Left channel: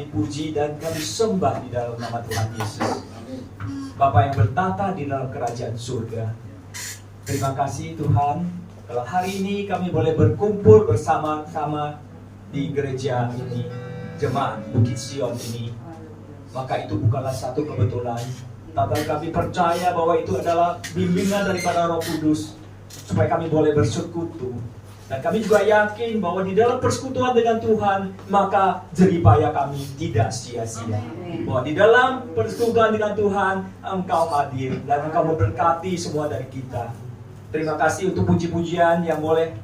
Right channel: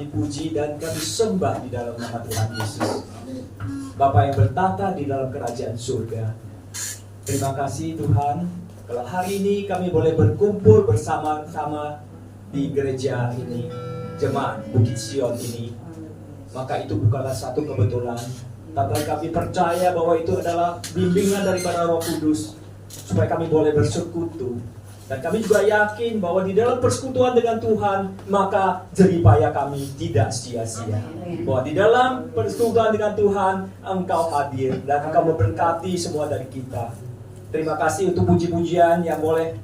kami puji dan kami sembah di dalam nama Tuhan Yesus. Bapa yang bertata di dalam kerajaan surga. Terima kasih Tuhan, kalau hari ini kami boleh berkumpul bersama-sama di gereja ini, jemaat Bukit Sion ini. Maka itu bukanlah satu kebetulan, tapi kami percaya bahwa itu adalah bimbingan daripada Roh Kudus, supaya kami boleh bersekutu. Dan kami juga yakin bahwa di dalam persekutuan dengan Tuhan, maka jeripaya kami tidak sia-sia. Bahwa di dalam persekutuan dengan Tuhan, Engkau hadir dan Engkau memberkati semua dari kita. Terima kasih untuk puji-pujian yang boleh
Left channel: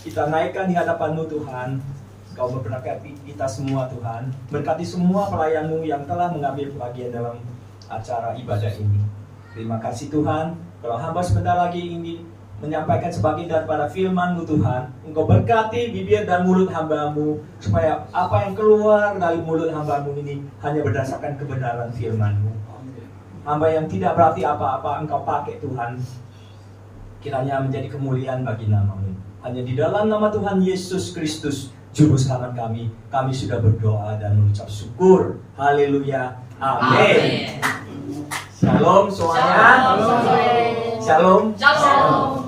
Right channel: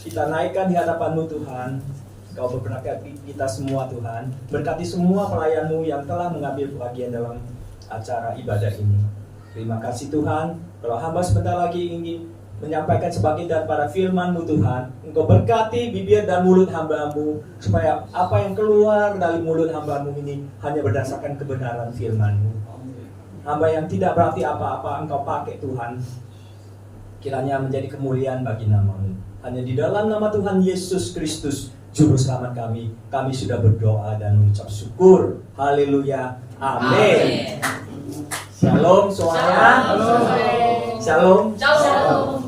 kita naikkan di hadapan-Mu Tuhan. Engkau memberkati kita semua Tuhan. Berkati semua pelayan-Mu yang telah mengambil bagian dalam acara ibadah ini. Terima kasih Tuhan. Kalau hamba sebentar lagi ingin menyampaikan sebagian daripada firman-Mu Tuhan, Engkau berkati bibir dan mulut hamba-Mu, supaya apa yang keluar dari mulut hamba-Mu ini hanya berdasarkan kebenaran firman-Mu. Hamba yang tidak berarti apa-apa Engkau pakai Tuhan, kiranya menjadi kemuliaan bagi nama-Mu. Hanya di dalam nama Tuhan Yesus Kristus, Juru Selamat kami sudah berdoa dan mengucap syukur. Haleluya, amin. Shalom semuanya. Shalom. Shalom.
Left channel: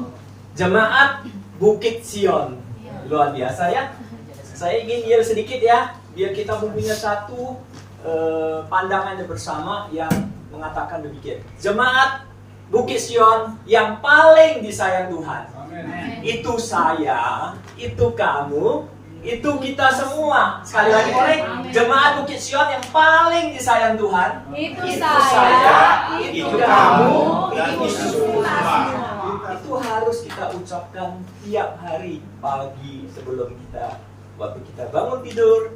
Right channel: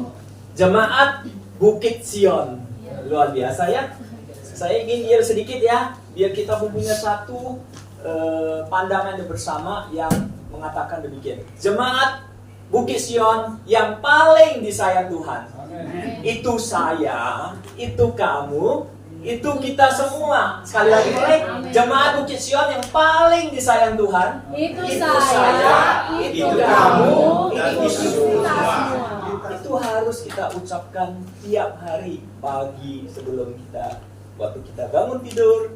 Jemaat Bukit Sion, luar biasa ya. Saya ingin yel sedikit ya, biar kita mempunyai satu pandangan bersama yang mengatakan demikian. Jemaat Bukit Sion yang paling disayang Tuhan. Amen. Itu saya, itu kamu, itu kita semua. Sekali lagi boleh, jemaat Bukit Sion yang paling disayang Tuhan. Itu saya, itu kamu, itu semua. Itu harus kita ucapkan tiap hari, pagi sebelum waktu kita bangun tidur,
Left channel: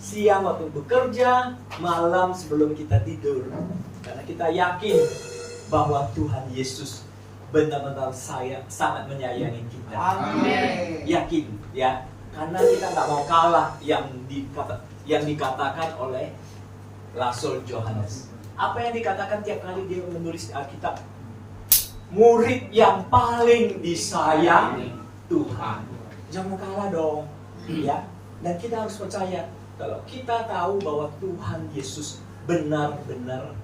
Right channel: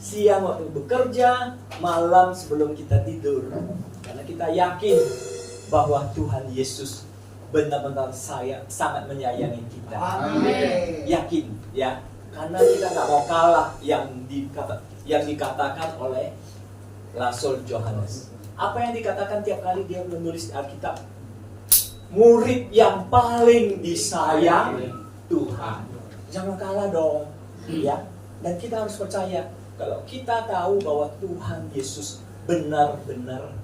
siang waktu bekerja, malam sebelum kita tidur. Karena kita yakin bahwa Tuhan Yesus benar-benar sangat menyayangi kita. Amin. Yakin ya, karena kita nggak mau kalah yang dikatakan oleh Rasul Yohanes. Apa yang dikatakan tiap kali dia menulis Alkitab? Murid yang paling disayang Tuhan. Jangan kalah dong, ya. Dan kita harus percaya kalau kita tahu bahwa Tuhan Yesus benar-benar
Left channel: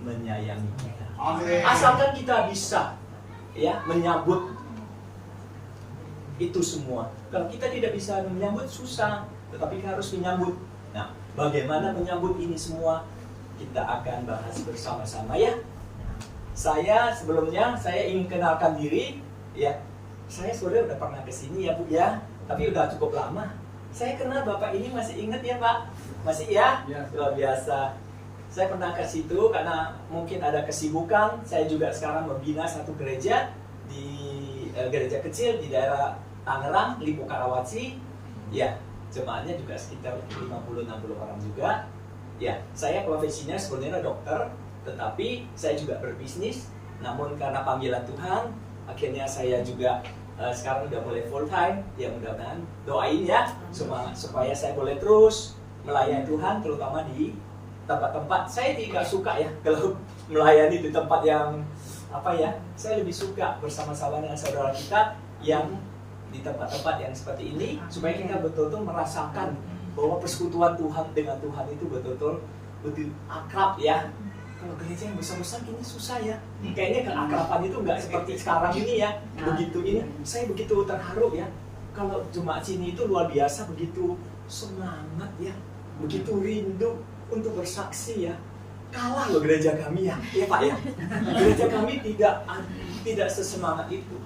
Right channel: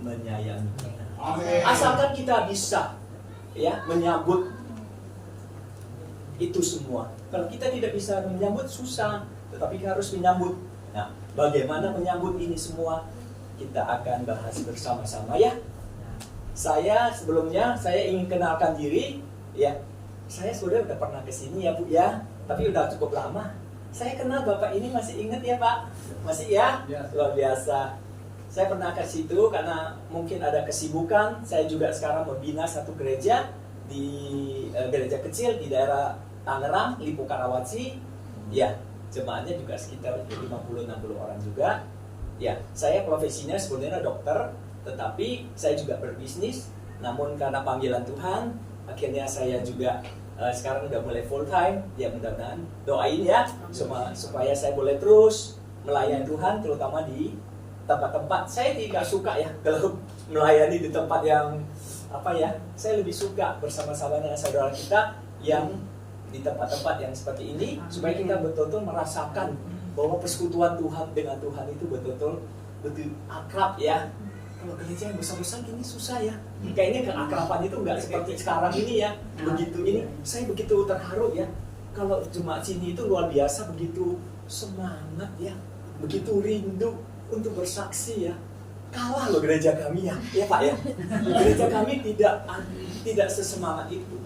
menyayangi kita. Amin. Asalkan kita bisa, ya, menyambut itu semua. Kalau kita tidak bisa menyambut, susah. Tetapi kita harus menyambut. Nah, bagaimana menyambut ini semua? Kita akan bahas bersama-sama ya. Sebelumnya saya ingin kenalkan diri ya. Saya sudah pernah kesini ya Bu ya, tapi udah cukup lama. Saya kenal Bapak ini, masih ingat ya Pak? Masih ya? Luar biasa. Saya pernah ke situ karena mungkin ada kesibukan. Saya juga sekarang membina satu gereja gereja kecil di daerah Tangerang, Lipo Karawaci. Ya, jemaatnya juga sekitar 50-60 orang juga. Ya, saya profesinya sebenarnya dokter, tetapi saya juga berbisnis. Namun karena panggilan Tuhan, akhirnya saya juga sekarang udah mulai full time. Ya mudah-mudahan doain ya supaya saya boleh terus melayani Tuhan, terutama di tempat-tempat. Saya tidak suka ya kalau melayani di tempat yang saya lebih suka bersama-sama dengan saudara kita yang di tempat-tempat yang seperti ini, supaya kita betul-betul merasakan bahwa persekutuan Tuhan dengan Tuhan itu betul-betul akrab ya. Kalau gereja yang besar-besar ini susah ya. Kayaknya keakraban itu nggak seperti sekarang ini ya. Saya begitu terharu ya. Kalau jemaat sini itu luar biasa, begitu semangat ya, begitu rindu untuk bersaksi ya. Kalah loh gereja kami ya Pak ya. Gereja kami tidak sesemangat itu.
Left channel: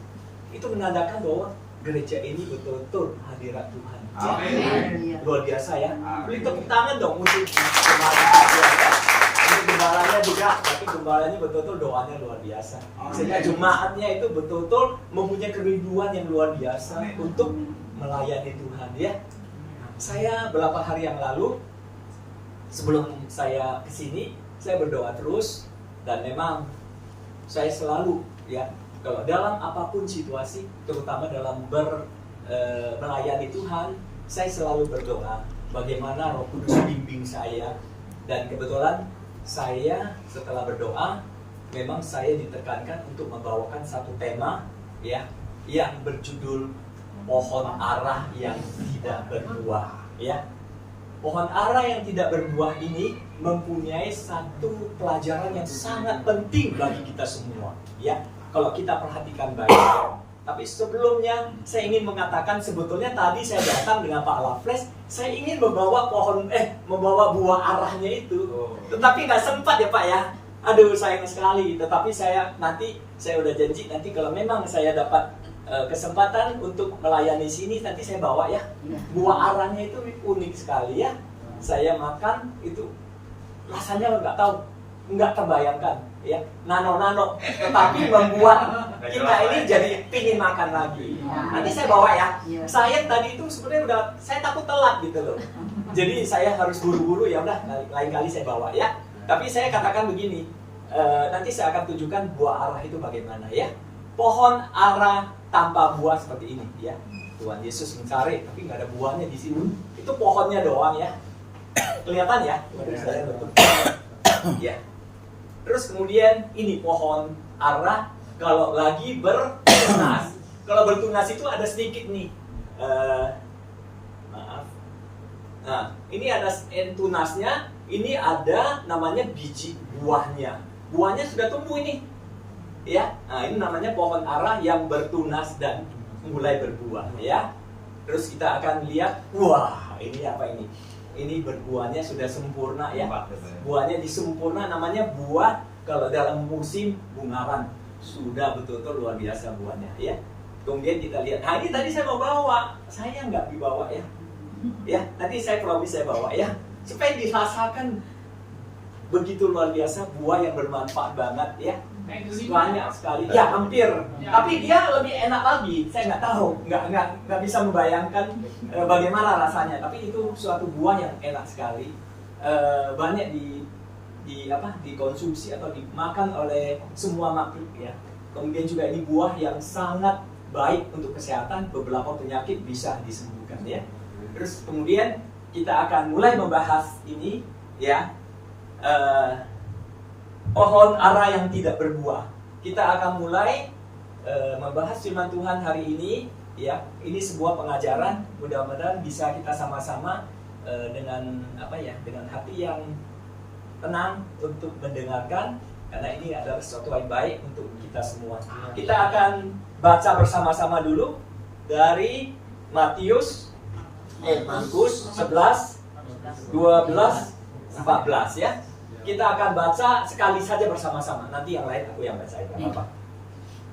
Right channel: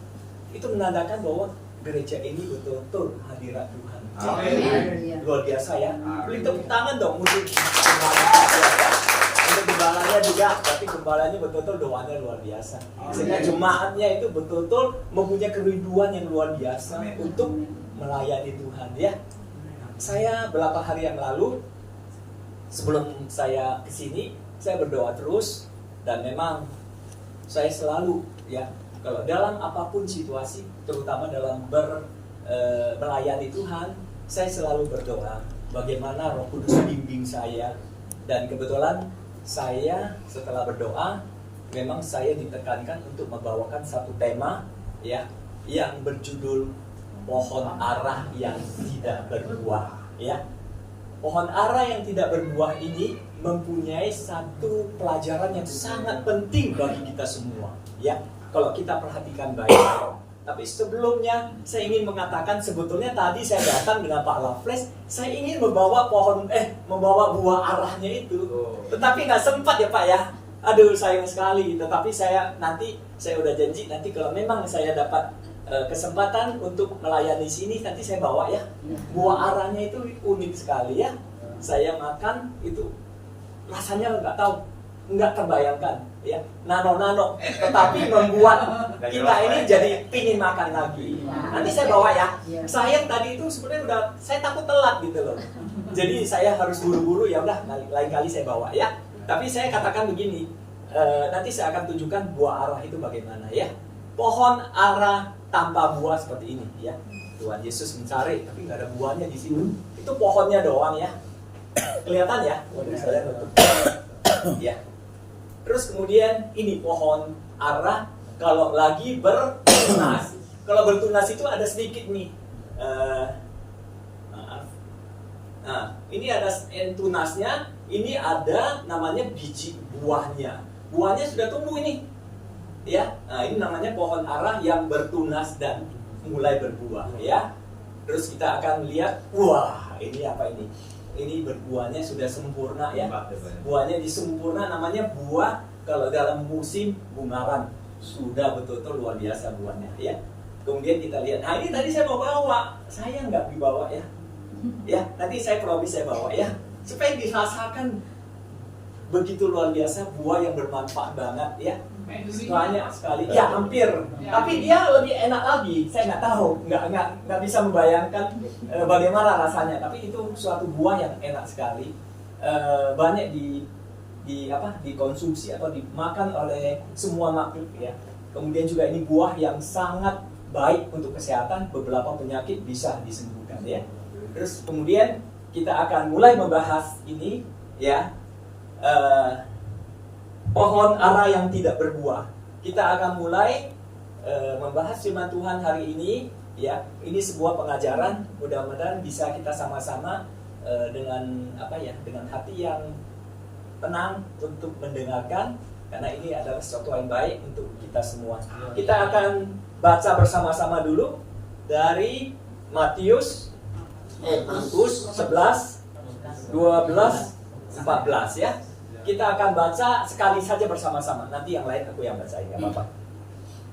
Itu menandakan bahwa gereja ini betul-betul hadirat Tuhan. Amin. Luar biasa ya. Beri tepuk tangan dong untuk gembalanya juga, tapi gembalanya betul-betul doanya luar biasa. Sehingga jemaatnya itu betul-betul mempunyai kerinduan yang luar biasa untuk melayani Tuhan ya. Saya beberapa hari yang lalu sebelum saya kesini, saya berdoa terus, dan memang saya selalu ya, kalau dalam apapun situasi, terutama dalam melayani Tuhan, saya selalu berdoa bagaimana Roh Kudus bimbing saya. Dan kebetulan saya setelah berdoa, memang saya ditekankan untuk membawakan satu tema ya, yang berjudul pohon arah yang tidak berbuah ya. pohon ara yang tidak berbuah ini mempunyai satu pelajaran yang sangat penting bagi kita semua, ya. Kalau kita perhatikan baik. Tapi sebelumnya saya ingin mengatakan sebetulnya tadi saya datang dengan Pak Lafles, saya ingin membawa membawa buah arahnya itu. Tetapi nggak sempat ya Pak ya. Aduh sayang sekali. Tetapi saya udah janji nanti kalau memang saya dapat kesempatan untuk melayani sini nanti saya bawa ya. Buah arahnya itu unik sekali ya. Saya makan itu rasanya nggak terbayangkan ya, nano tetapi membuat kita ini jadi pingin makan lagi. Nanti saya bawa ya. Saya tadi itu sebenarnya saya takut telat gitu loh. Jadi saya harus buru-buru, ya udah lain kali saya bawa ya. Tapi saya katakan begini, nanti saya akan tunjukkan buah arah itu bagaimana ya. Pohon ara tanpa buah seperti ini ya. Tuhan Yesus mencari tapi nggak ada buahnya di sini. Itu pohonnya doang ya. Kelihatan ya? Saya tutup. Ya. Terus kemudian ini pohon ara kalau lagi bertunas. Kalau bertunas itu ada sedikit nih. Maaf. Nah, ini ada tunasnya. Ini ada namanya biji buahnya. Buahnya sudah tumbuh ini. Ya. Nah, ini namanya pohon ara yang bertunas dan mulai berbuah ya. Terus kita akan lihat, wah, ini apa ini? Ini berbuahnya sudah sempurna ya. Buahnya disempurna, namanya buah kalau dalam musim bungaran. Sudah betul-betul luar biasa buahnya ya. Kemudian kita lihat, nah ini tadi saya mau bawa, saya nggak dibawa ya. Ya, nanti saya promise saya bawa ya. Supaya dirasakan begitu luar biasa buah yang bermanfaat banget ya. Banyak sekali, ya hampir. Tapi dia lebih enak lagi. Saya nggak tahu, nggak bisa membayangkan bagaimana rasanya. Tapi itu suatu buah yang enak sekali. Banyak dikonsumsi atau dimakan oleh semua makhluk ya. Kemudian juga ini buah yang sangat baik untuk kesehatan. Beberapa penyakit bisa disembuhkan ya. Terus kemudian kita akan mulai membahas ini ya. Pohon ara yang tidak berbuah. Kita akan mulai membahas firman Tuhan hari ini ya. Ini sebuah pengajaran, mudah-mudahan bisa kita sama-sama dengan hati yang tenang untuk mendengarkan, karena ini adalah sesuatu yang baik untuk kita semua. Kita akan baca bersama-sama dulu dari Markus 11, 12, 14 ya. Kita akan baca sekali saja bersama-sama. Nanti yang lain aku yang bacain, nggak apa-apa.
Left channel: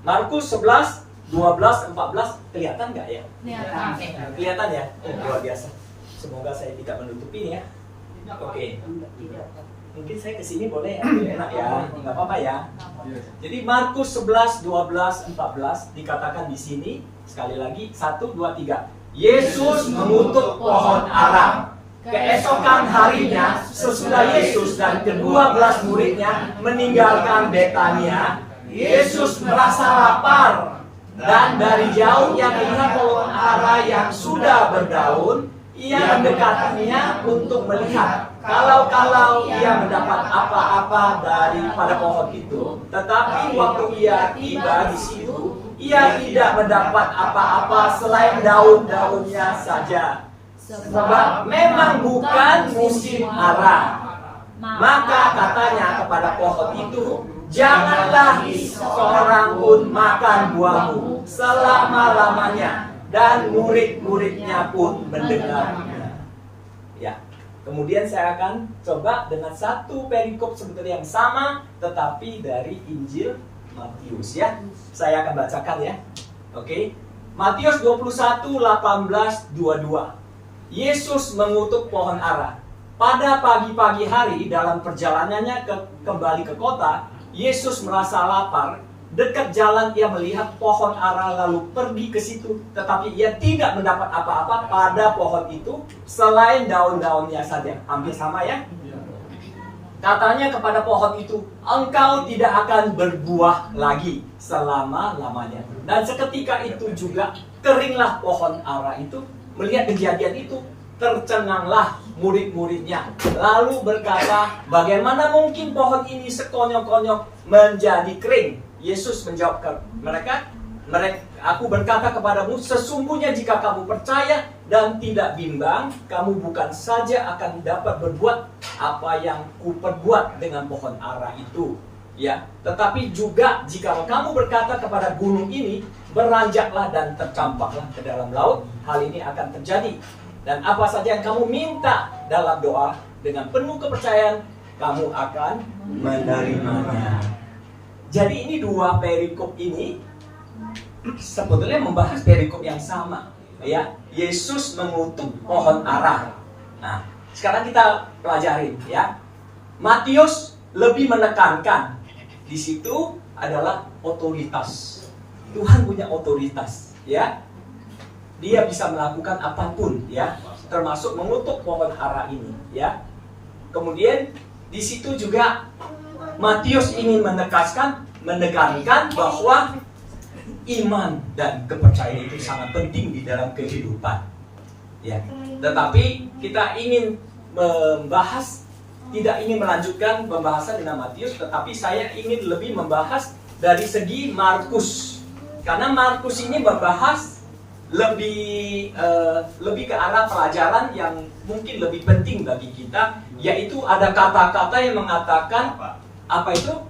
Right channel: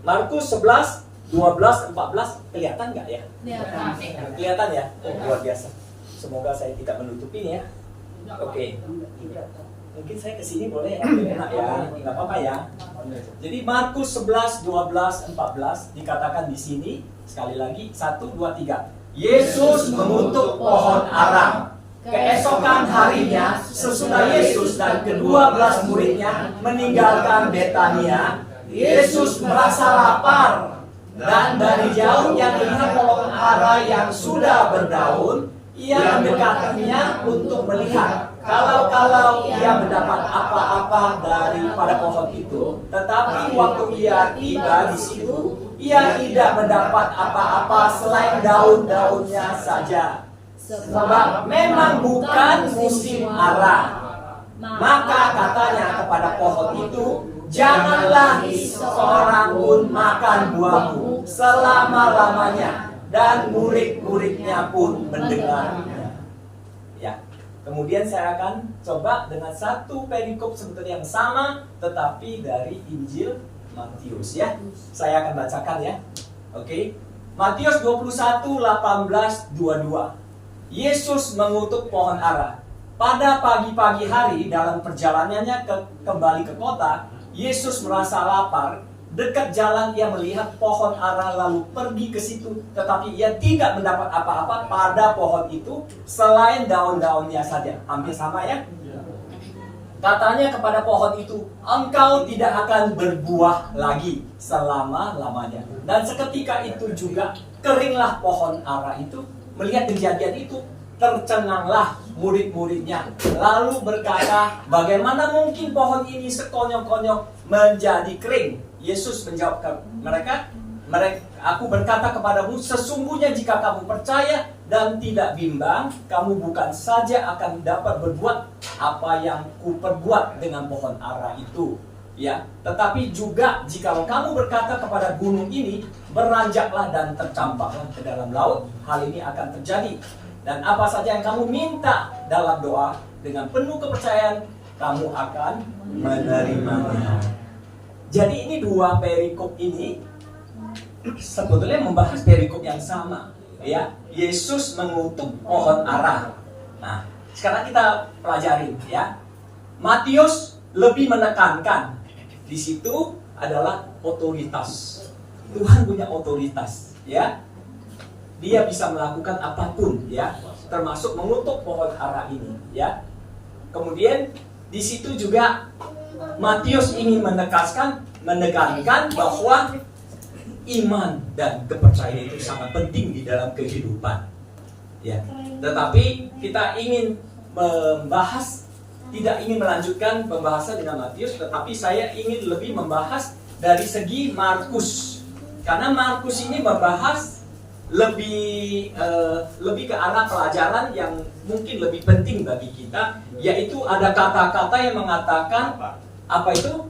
Markus 11, 12, 14 kelihatan nggak ya? Kelihatan ya? Luar biasa. Semoga saya tidak menutupi ya. Oke. Mungkin saya kesini boleh ya? Enak ya? Nggak apa-apa ya? Jadi Markus 11, 12, 14 dikatakan di sini sekali lagi 1, 2, 3. Yesus mengutuk pohon ara. Keesokan harinya, sesudah Yesus dan ke-12 muridnya meninggalkan Betania, Yesus merasa lapar. Dan dari jauh ia melihat pohon ara yang sudah berdaun. Ia mendekatinya untuk melihat kalau ia mendapat apa-apa daripada pohon itu. Tetapi waktu ia tiba di situ, ia tidak mendapat apa-apa selain daun-daunnya saja. Sebab memang bukan musim ara. Maka katanya kepada pohon itu, janganlah seorang pun makan buahmu selama-lamanya. Dan murid-muridnya pun mendengarnya. Ya. Kemudian saya akan coba dengan satu perikop sebetulnya yang sama, tetapi dari Injil Matius ya. Saya akan bacakan ya. Oke. Matius 21, 18, 22. Yesus mengutuk pohon ara. Pada pagi-pagi hari dalam perjalanannya kembali ke kota, Yesus merasa lapar. Dekat jalan ia melihat pohon ara lalu pergi ke situ, tetapi ia tidak mendapat apa-apa pada pohon itu selain daun-daunnya saja. Hampir sama ya. Katanya kepada pohon itu, engkau tidak akan berbuah lagi selama-lamanya. Dan seketika itu juga keringlah pohon ara itu. Melihat kejadian itu, tercenganglah murid-muridnya. Lalu berkata, bagaimana mungkin pohon ini sekonyong-konyong menjadi kering? Yesus menjawab ke mereka, aku berkata kepadamu, sesungguhnya jika kamu percaya dan tidak bimbang, kamu bukan saja akan dapat berbuat apa yang kuperbuat dengan pohon ara itu, ya, tetapi juga jikalau kamu berkata kepada gunung ini, beranjaklah dan tercampaklah ke dalam laut, hal ini akan terjadi. Dan apa saja yang kamu minta dalam doa dengan penuh kepercayaan, kamu akan menerimanya. Jadi ini dua perikop ini sebetulnya membahas perikop yang sama, ya. Yesus mengutuk pohon ara. Nah, sekarang kita pelajarin, ya. Matius lebih menekankan di situ adalah otoritas. Tuhan punya otoritas, ya. Dia bisa melakukan apapun, ya, termasuk mengutuk pohon ara ini, ya. Kemudian di situ juga Matius ingin menekankan bahwa iman dan kepercayaan itu sangat penting di dalam kehidupan, ya. Tetapi kita ingin membahas, tidak ingin melanjutkan pembahasan dengan Matius, tetapi saya ingin lebih membahas dari segi Markus, karena Markus ini membahas lebih ke arah pelajaran yang mungkin lebih penting bagi kita, yaitu ada kata-kata yang mengatakan apa itu?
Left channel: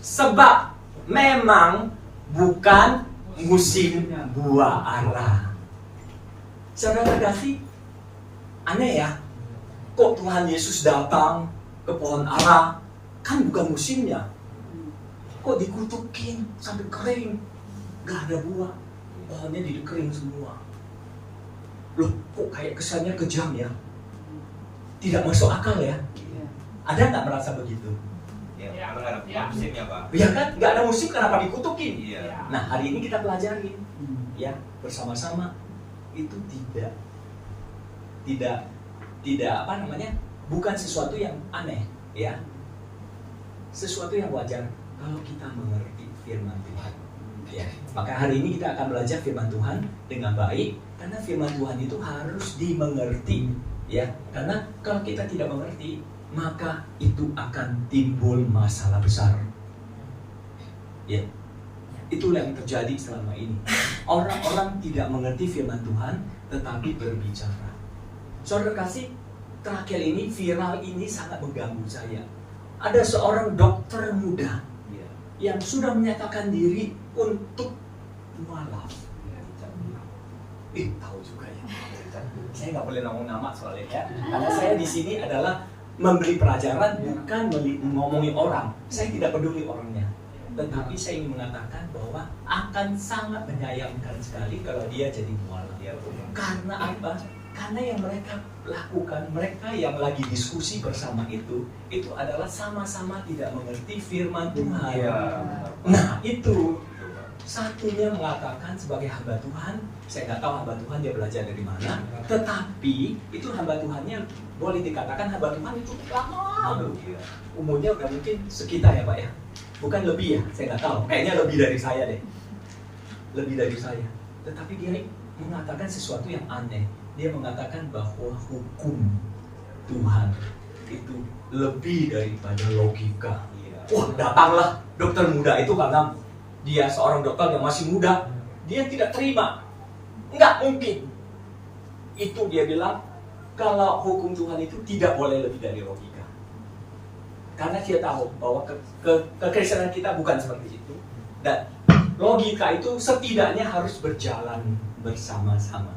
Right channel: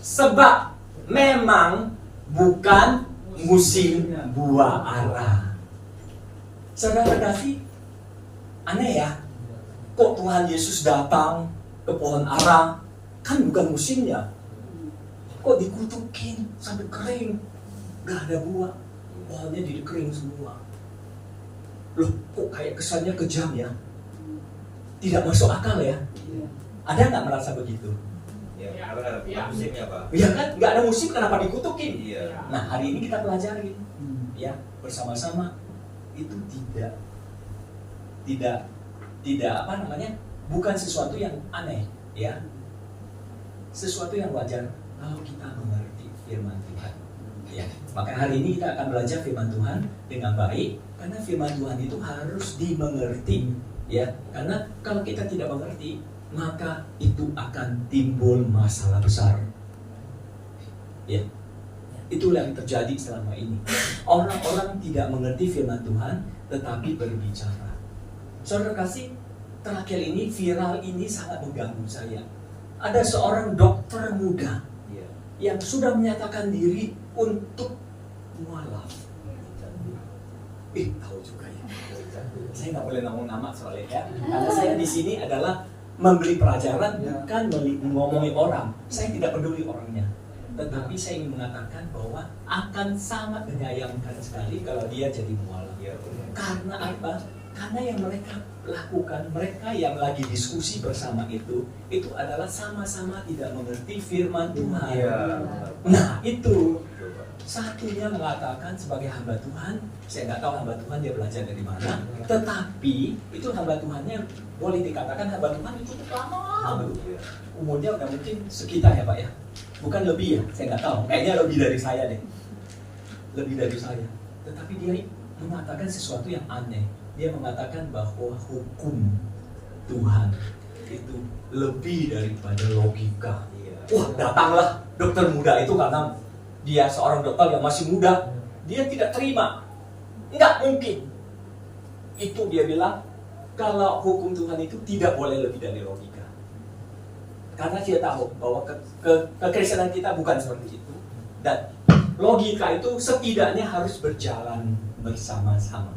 Sebab memang bukan musim buah ara. Saudara kasih, aneh ya, kok Tuhan Yesus datang ke pohon ara, kan bukan musimnya, kok dikutukin sampai kering, gak ada buah, pohonnya jadi kering semua. Loh, kok kayak kesannya kejam ya, tidak masuk akal ya. Ada nggak merasa begitu? Ya, karena nggak ada musimnya, Pak. Ya kan, nggak ada musim, kenapa dikutukin? Iya. Nah, hari ini kita pelajari, ya, bersama-sama. Itu tidak apa namanya, bukan sesuatu yang aneh, ya, sesuatu yang wajar kalau kita mengerti firman Tuhan, ya. Maka hari ini kita akan belajar firman Tuhan dengan baik, karena firman Tuhan itu harus dimengerti, ya. Karena kalau kita tidak mengerti, maka itu akan timbul masalah besar, ya. Itulah yang terjadi selama ini. Orang-orang tidak mengerti firman Tuhan, tetapi berbicara. Saudara kasih, terakhir ini viral ini sangat mengganggu saya. Ada seorang dokter muda yang sudah menyatakan diri untuk mualaf. Tahu juga ya. Saya nggak boleh ngomong nama soalnya, ya. Karena saya di sini adalah memberi pelajaran, bukan ngomongin orang. Saya tidak peduli orangnya, tetapi saya ingin mengatakan bahwa akan sangat menyayangkan sekali kalau dia jadi mualaf. Karena apa? Karena yang mereka lakukan, mereka yang lagi diskusi bersama itu adalah sama-sama tidak mengerti firman Tuhan. Nah, itu satunya mengatakan sebagai hamba Tuhan, saya nggak tahu hamba Tuhan dia belajar dari mana, tetapi itu hamba Tuhannya boleh dikatakan hamba Tuhan itu lama, umurnya udah mungkin sekitar ya Pak ya, bukan lebih ya, saya nggak tahu, kayaknya lebih dari saya deh, lebih dari saya. Tetapi dia mengatakan sesuatu yang aneh, dia mengatakan bahwa hukum Tuhan itu lebih daripada logika. Wah, datanglah dokter muda itu karena dia seorang dokter yang masih muda, dia tidak terima. Enggak mungkin. Itu dia bilang, kalau hukum Tuhan itu tidak boleh lebih dari logika. Karena dia tahu bahwa kekristenan kita bukan seperti itu. Dan logika itu setidaknya harus berjalan bersama-sama.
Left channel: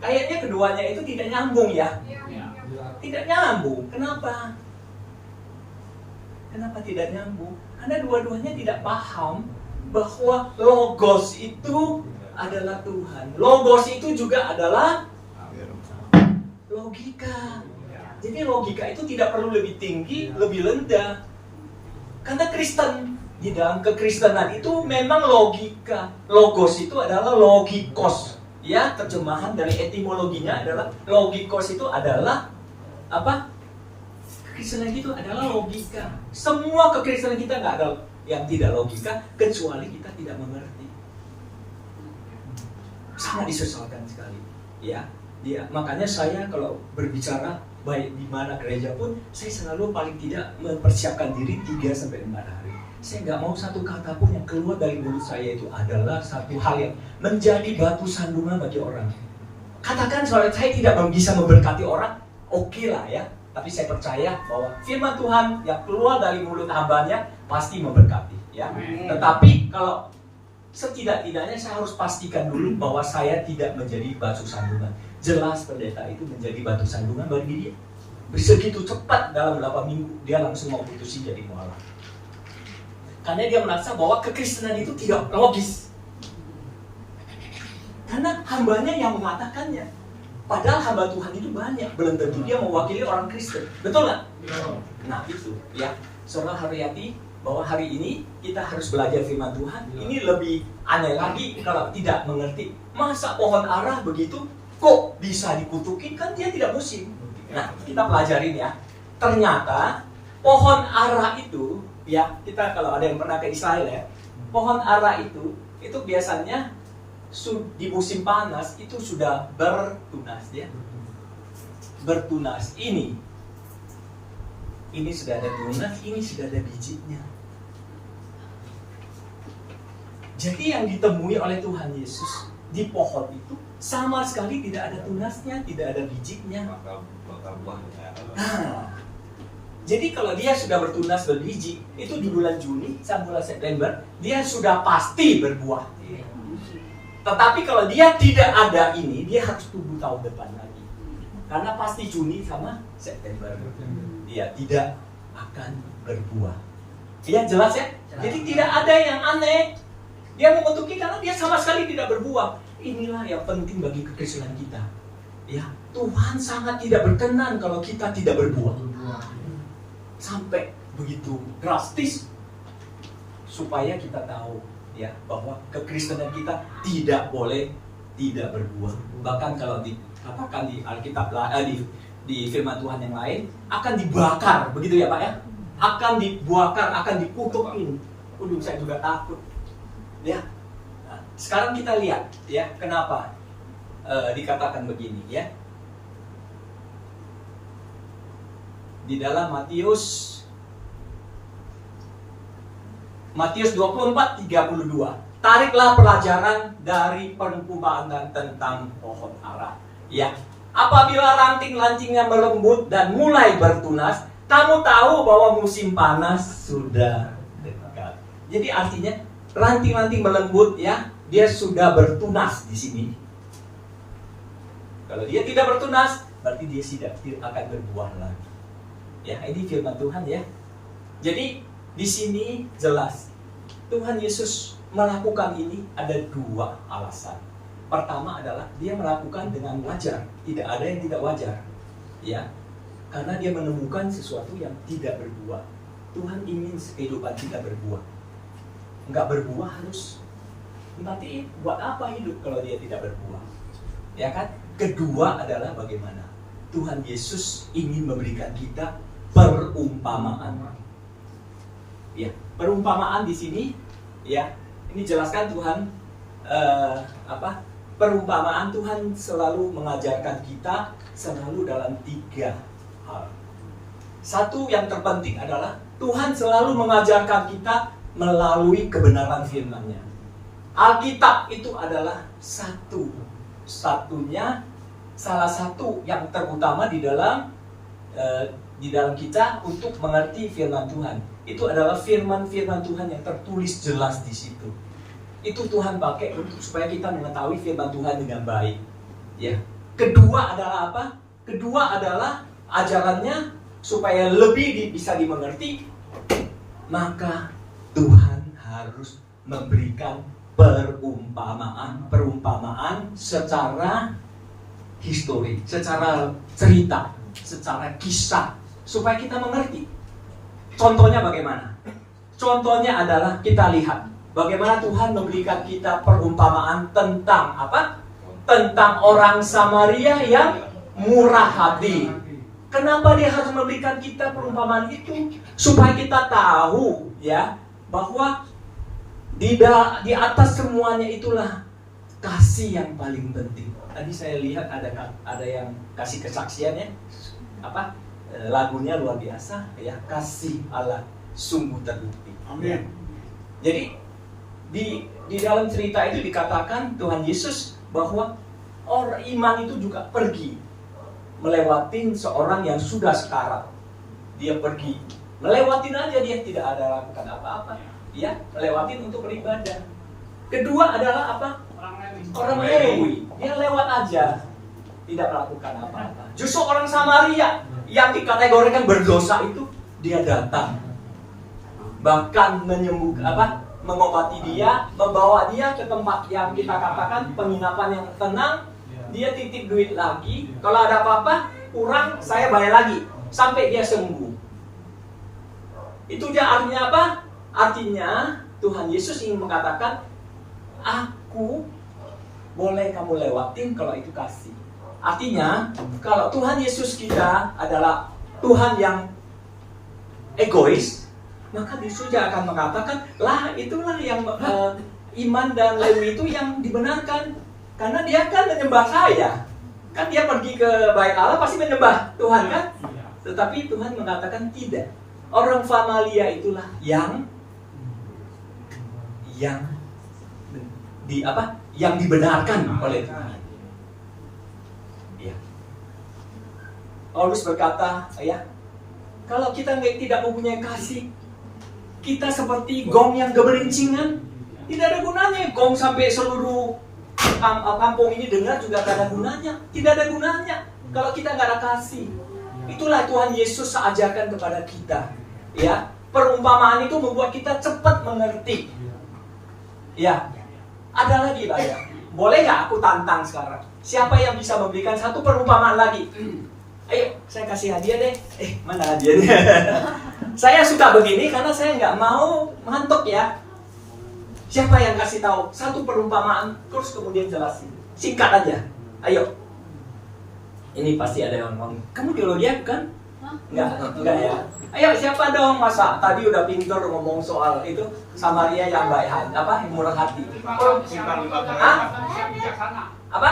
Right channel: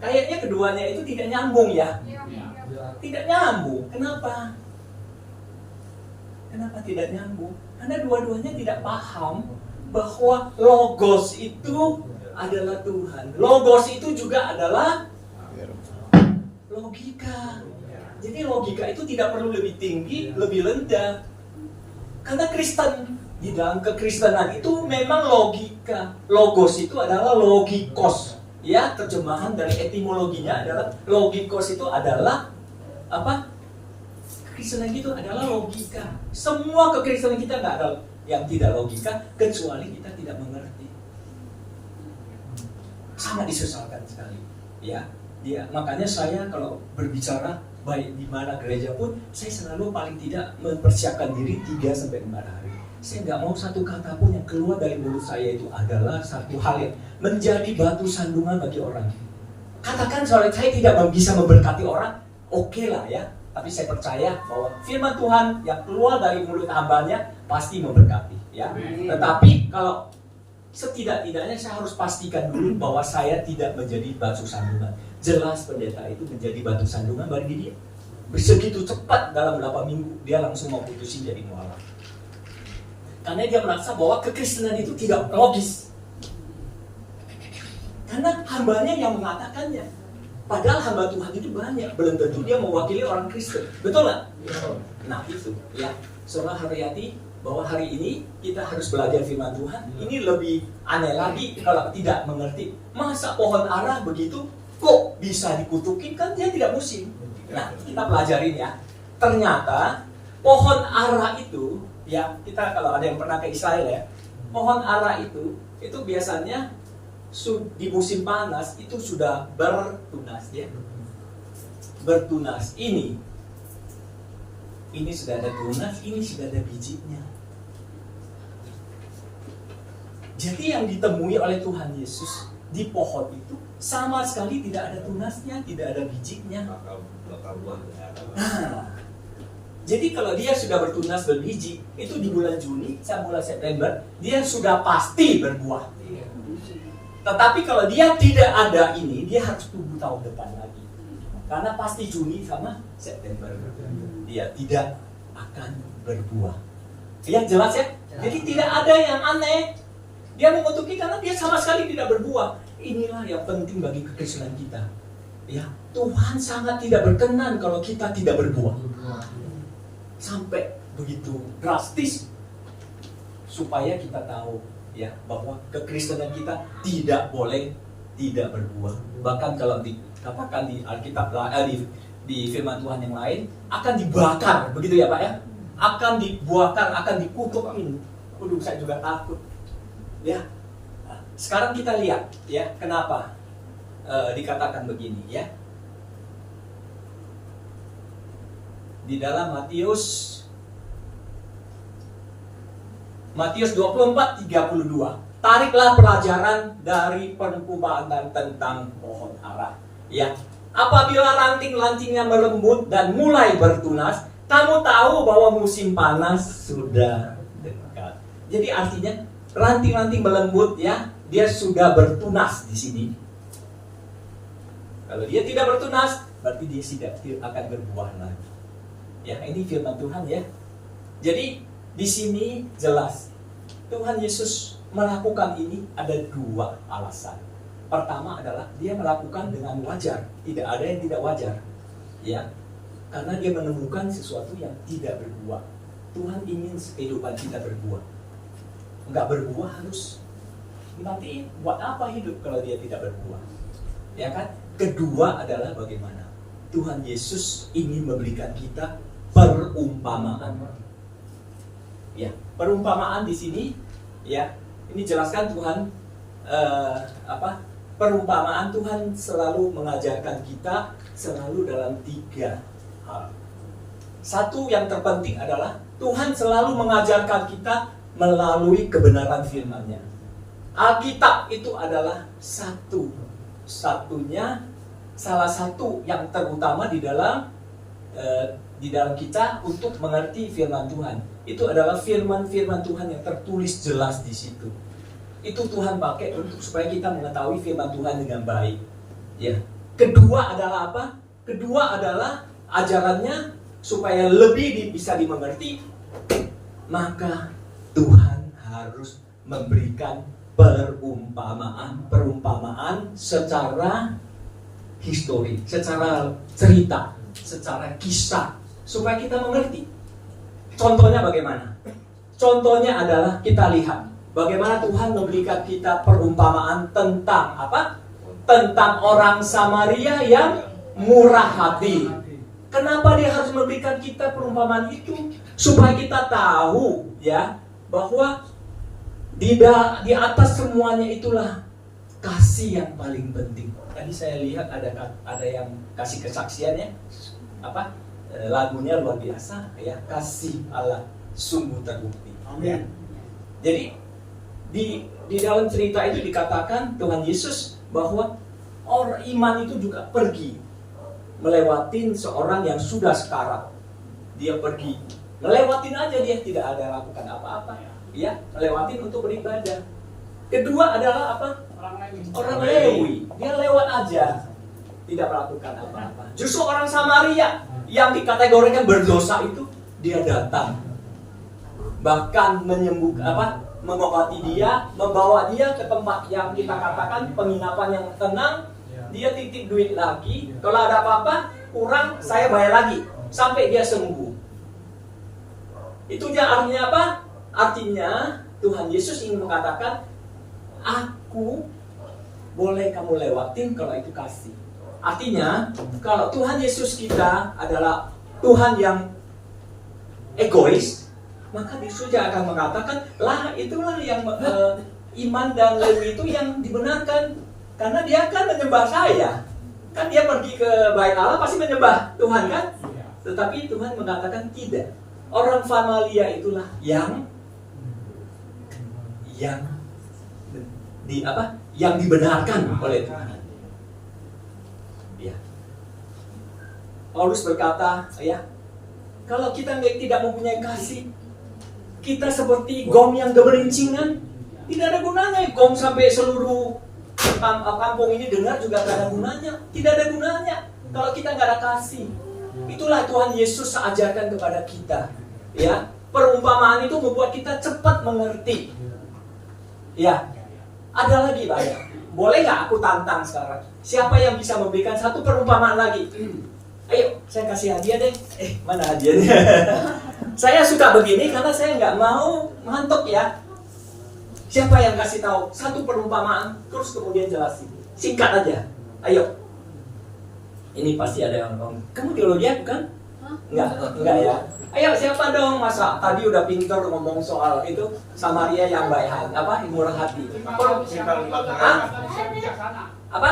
Kayaknya keduanya itu tidak nyambung ya. Tidak nyambung. Kenapa? Kenapa tidak nyambung? Karena dua-duanya tidak paham bahwa logos itu adalah Tuhan. Logos itu juga adalah logika. Jadi logika itu tidak perlu lebih tinggi, lebih rendah. Karena Kristen, di dalam kekristenan itu memang logika. Logos itu adalah logikos. Ya, terjemahan dari etimologinya adalah logikos itu adalah apa? Kekristenan itu adalah logika. Semua kekristenan kita nggak ada yang tidak logika, kecuali kita tidak mengerti. Sangat disesalkan sekali, ya. Makanya saya kalau berbicara baik di mana gereja pun, saya selalu paling tidak mempersiapkan diri 3-5 hari. saya nggak mau satu kata pun yang keluar dari mulut saya itu adalah satu hal yang menjadi batu sandungan bagi orang. Katakan soalnya saya tidak bisa memberkati orang, oke lah ya. Tapi saya percaya bahwa firman Tuhan yang keluar dari mulut hambanya pasti memberkati ya. Tetapi kalau setidak-tidaknya saya harus pastikan dulu bahwa saya tidak menjadi batu sandungan. Jelas pendeta itu menjadi batu sandungan bagi dia. Begitu cepat dalam 8 minggu dia langsung mau putusin jadi mualaf. Karena dia merasa bahwa kekristenan itu tidak logis. Karena hambanya yang mengatakannya. Padahal hamba Tuhan itu banyak. Belum tentu dia mewakili orang Kristen. Betul nggak? Nah itu ya. Saudara Haryati, bahwa hari ini kita harus belajar firman Tuhan. Ini lebih aneh lagi kalau tidak mengerti. Masa pohon ara begitu kok bisa dikutukin, kan dia tidak musim. Nah kita pelajarin ya. Ternyata pohon ara itu ya, kita kalau ada yang pernah ke Israel ya, pohon ara itu biasanya di musim panas itu sudah bertunas ya. Bertunas. Ini sudah ada tunas, ini sudah ada bijinya. Jadi yang ditemui oleh Tuhan Yesus di pohon itu sama sekali tidak ada tunasnya, tidak ada bijinya. Bakal buah. Nah, jadi kalau dia sudah bertunas berbiji, itu di bulan Juni sampai bulan September, dia sudah pasti berbuah. Tetapi kalau dia tidak ada ini, dia harus tunggu tahun depan lagi. Karena pasti Juni sama September, dia tidak akan berbuah. Ya jelas ya? Jadi tidak ada yang aneh. Dia mengutuki karena dia sama sekali tidak berbuah. Inilah yang penting bagi kekristenan kita. Ya, Tuhan sangat tidak berkenan kalau kita tidak berbuah. Sampai begitu drastis supaya kita tahu ya bahwa kekristenan kita tidak boleh tidak berbuah. Bahkan kalau dikatakan di Alkitab di firman Tuhan yang lain akan dibakar, begitu ya Pak ya? Akan dibakar, akan dikutukin. Saya juga takut. Ya. Nah, sekarang kita lihat ya kenapa dikatakan begini ya. Di dalam Matius 24:32. Tariklah pelajaran dari perumpamaan tentang pohon ara. Ya, apabila ranting-rantingnya melembut dan mulai bertunas, kamu tahu bahwa musim panas sudah dekat. Jadi artinya ranting-ranting melembut ya, dia sudah bertunas di sini. Kalau dia tidak bertunas, berarti dia tidak akan berbuah lagi. Ya, ini firman Tuhan ya. Jadi di sini jelas Tuhan Yesus melakukan ini ada dua alasan. Pertama adalah dia melakukan dengan wajar, tidak ada yang tidak wajar. Ya. Karena dia menemukan sesuatu yang tidak berbuah. Tuhan ingin kehidupan kita berbuah. Enggak berbuah harus nanti buat apa hidup kalau dia tidak berbuah? Ya kan? Kedua adalah bagaimana Tuhan Yesus ingin memberikan kita perumpamaan. Ya, perumpamaan di sini ya, ini jelaskan Tuhan perumpamaan Tuhan selalu mengajarkan kita selalu dalam 3 hal. Satu yang terpenting adalah Tuhan selalu mengajarkan kita melalui kebenaran firman-Nya. Alkitab itu adalah salah satu yang terutama di dalam kita untuk mengerti firman Tuhan. Itu adalah firman-firman Tuhan yang tertulis jelas di situ. Itu Tuhan pakai untuk supaya kita mengetahui firman Tuhan dengan baik. Ya. Kedua adalah apa? Kedua adalah ajarannya supaya lebih bisa dimengerti. Maka Tuhan harus memberikan perumpamaan secara histori, secara cerita, secara kisah supaya kita mengerti. Contohnya bagaimana? Contohnya adalah kita lihat bagaimana Tuhan memberikan kita perumpamaan tentang apa? Tentang orang Samaria yang murah hati. Kenapa dia harus memberikan kita perumpamaan itu? Supaya kita tahu ya bahwa di atas semuanya itulah kasih yang paling penting. Tadi saya lihat ada yang kasih kesaksiannya lagunya luar biasa ya, kasih Allah. sungguh terbukti. Amin. Jadi di dalam cerita itu dikatakan Tuhan Yesus bahwa orang iman itu juga pergi melewatin seorang yang sudah sekarat. Dia pergi melewatin aja, dia tidak ada lakukan apa-apa. Ya, melewatin untuk beribadah. Kedua adalah apa? Orang Lewi. Dia lewat aja, tidak melakukan apa-apa. Justru orang Samaria yang dikategorikan berdosa itu dia datang, bahkan mengobati dia, membawa dia ke tempat yang kita katakan penginapan yang tenang. Dia titip duit lagi, kalau ada apa-apa kurang saya bayar lagi sampai dia sembuh. Itu dia artinya apa? Artinya Tuhan Yesus ingin mengatakan, aku boleh kamu lewatin kalau itu kasih. Artinya kalau Tuhan Yesus kita adalah Tuhan yang egois, maka Yesus akan mengatakan, lah itulah yang iman dan Lewi itu yang dibenarkan, karena dia kan menyembah saya. Kan dia pergi ke bait Allah pasti menyembah Tuhan kan? Tetapi Tuhan mengatakan tidak. Orang Samaria itulah yang dibenarkan oleh Tuhan. Ya. Paulus berkata, ya, kalau kita tidak mempunyai kasih, kita seperti gong yang geberincingan. Tidak ada gunanya gong sampai seluruh kampung ini dengar juga tidak ada gunanya. Tidak ada gunanya kalau kita nggak ada kasih. Itulah Tuhan Yesus ajarkan kepada kita. Ya, perumpamaan itu membuat kita cepat mengerti. Ya, ada lagi banyak. Boleh nggak aku tantang sekarang? Siapa yang bisa memberikan satu perumpamaan lagi? Ayo, saya kasih hadiah deh. Mana hadiahnya? Saya suka begini karena saya nggak mau ngantuk ya. Siapa yang kasih tahu satu perumpamaan terus kemudian jelasin? Singkat aja. Ayo. Ini pasti ada yang ngomong. Kamu biologi bukan? Enggak ya. Ayo, siapa dong? Masa tadi udah pintar ngomong soal itu Samaria yang baik hati, apa? Murah hati. Apa?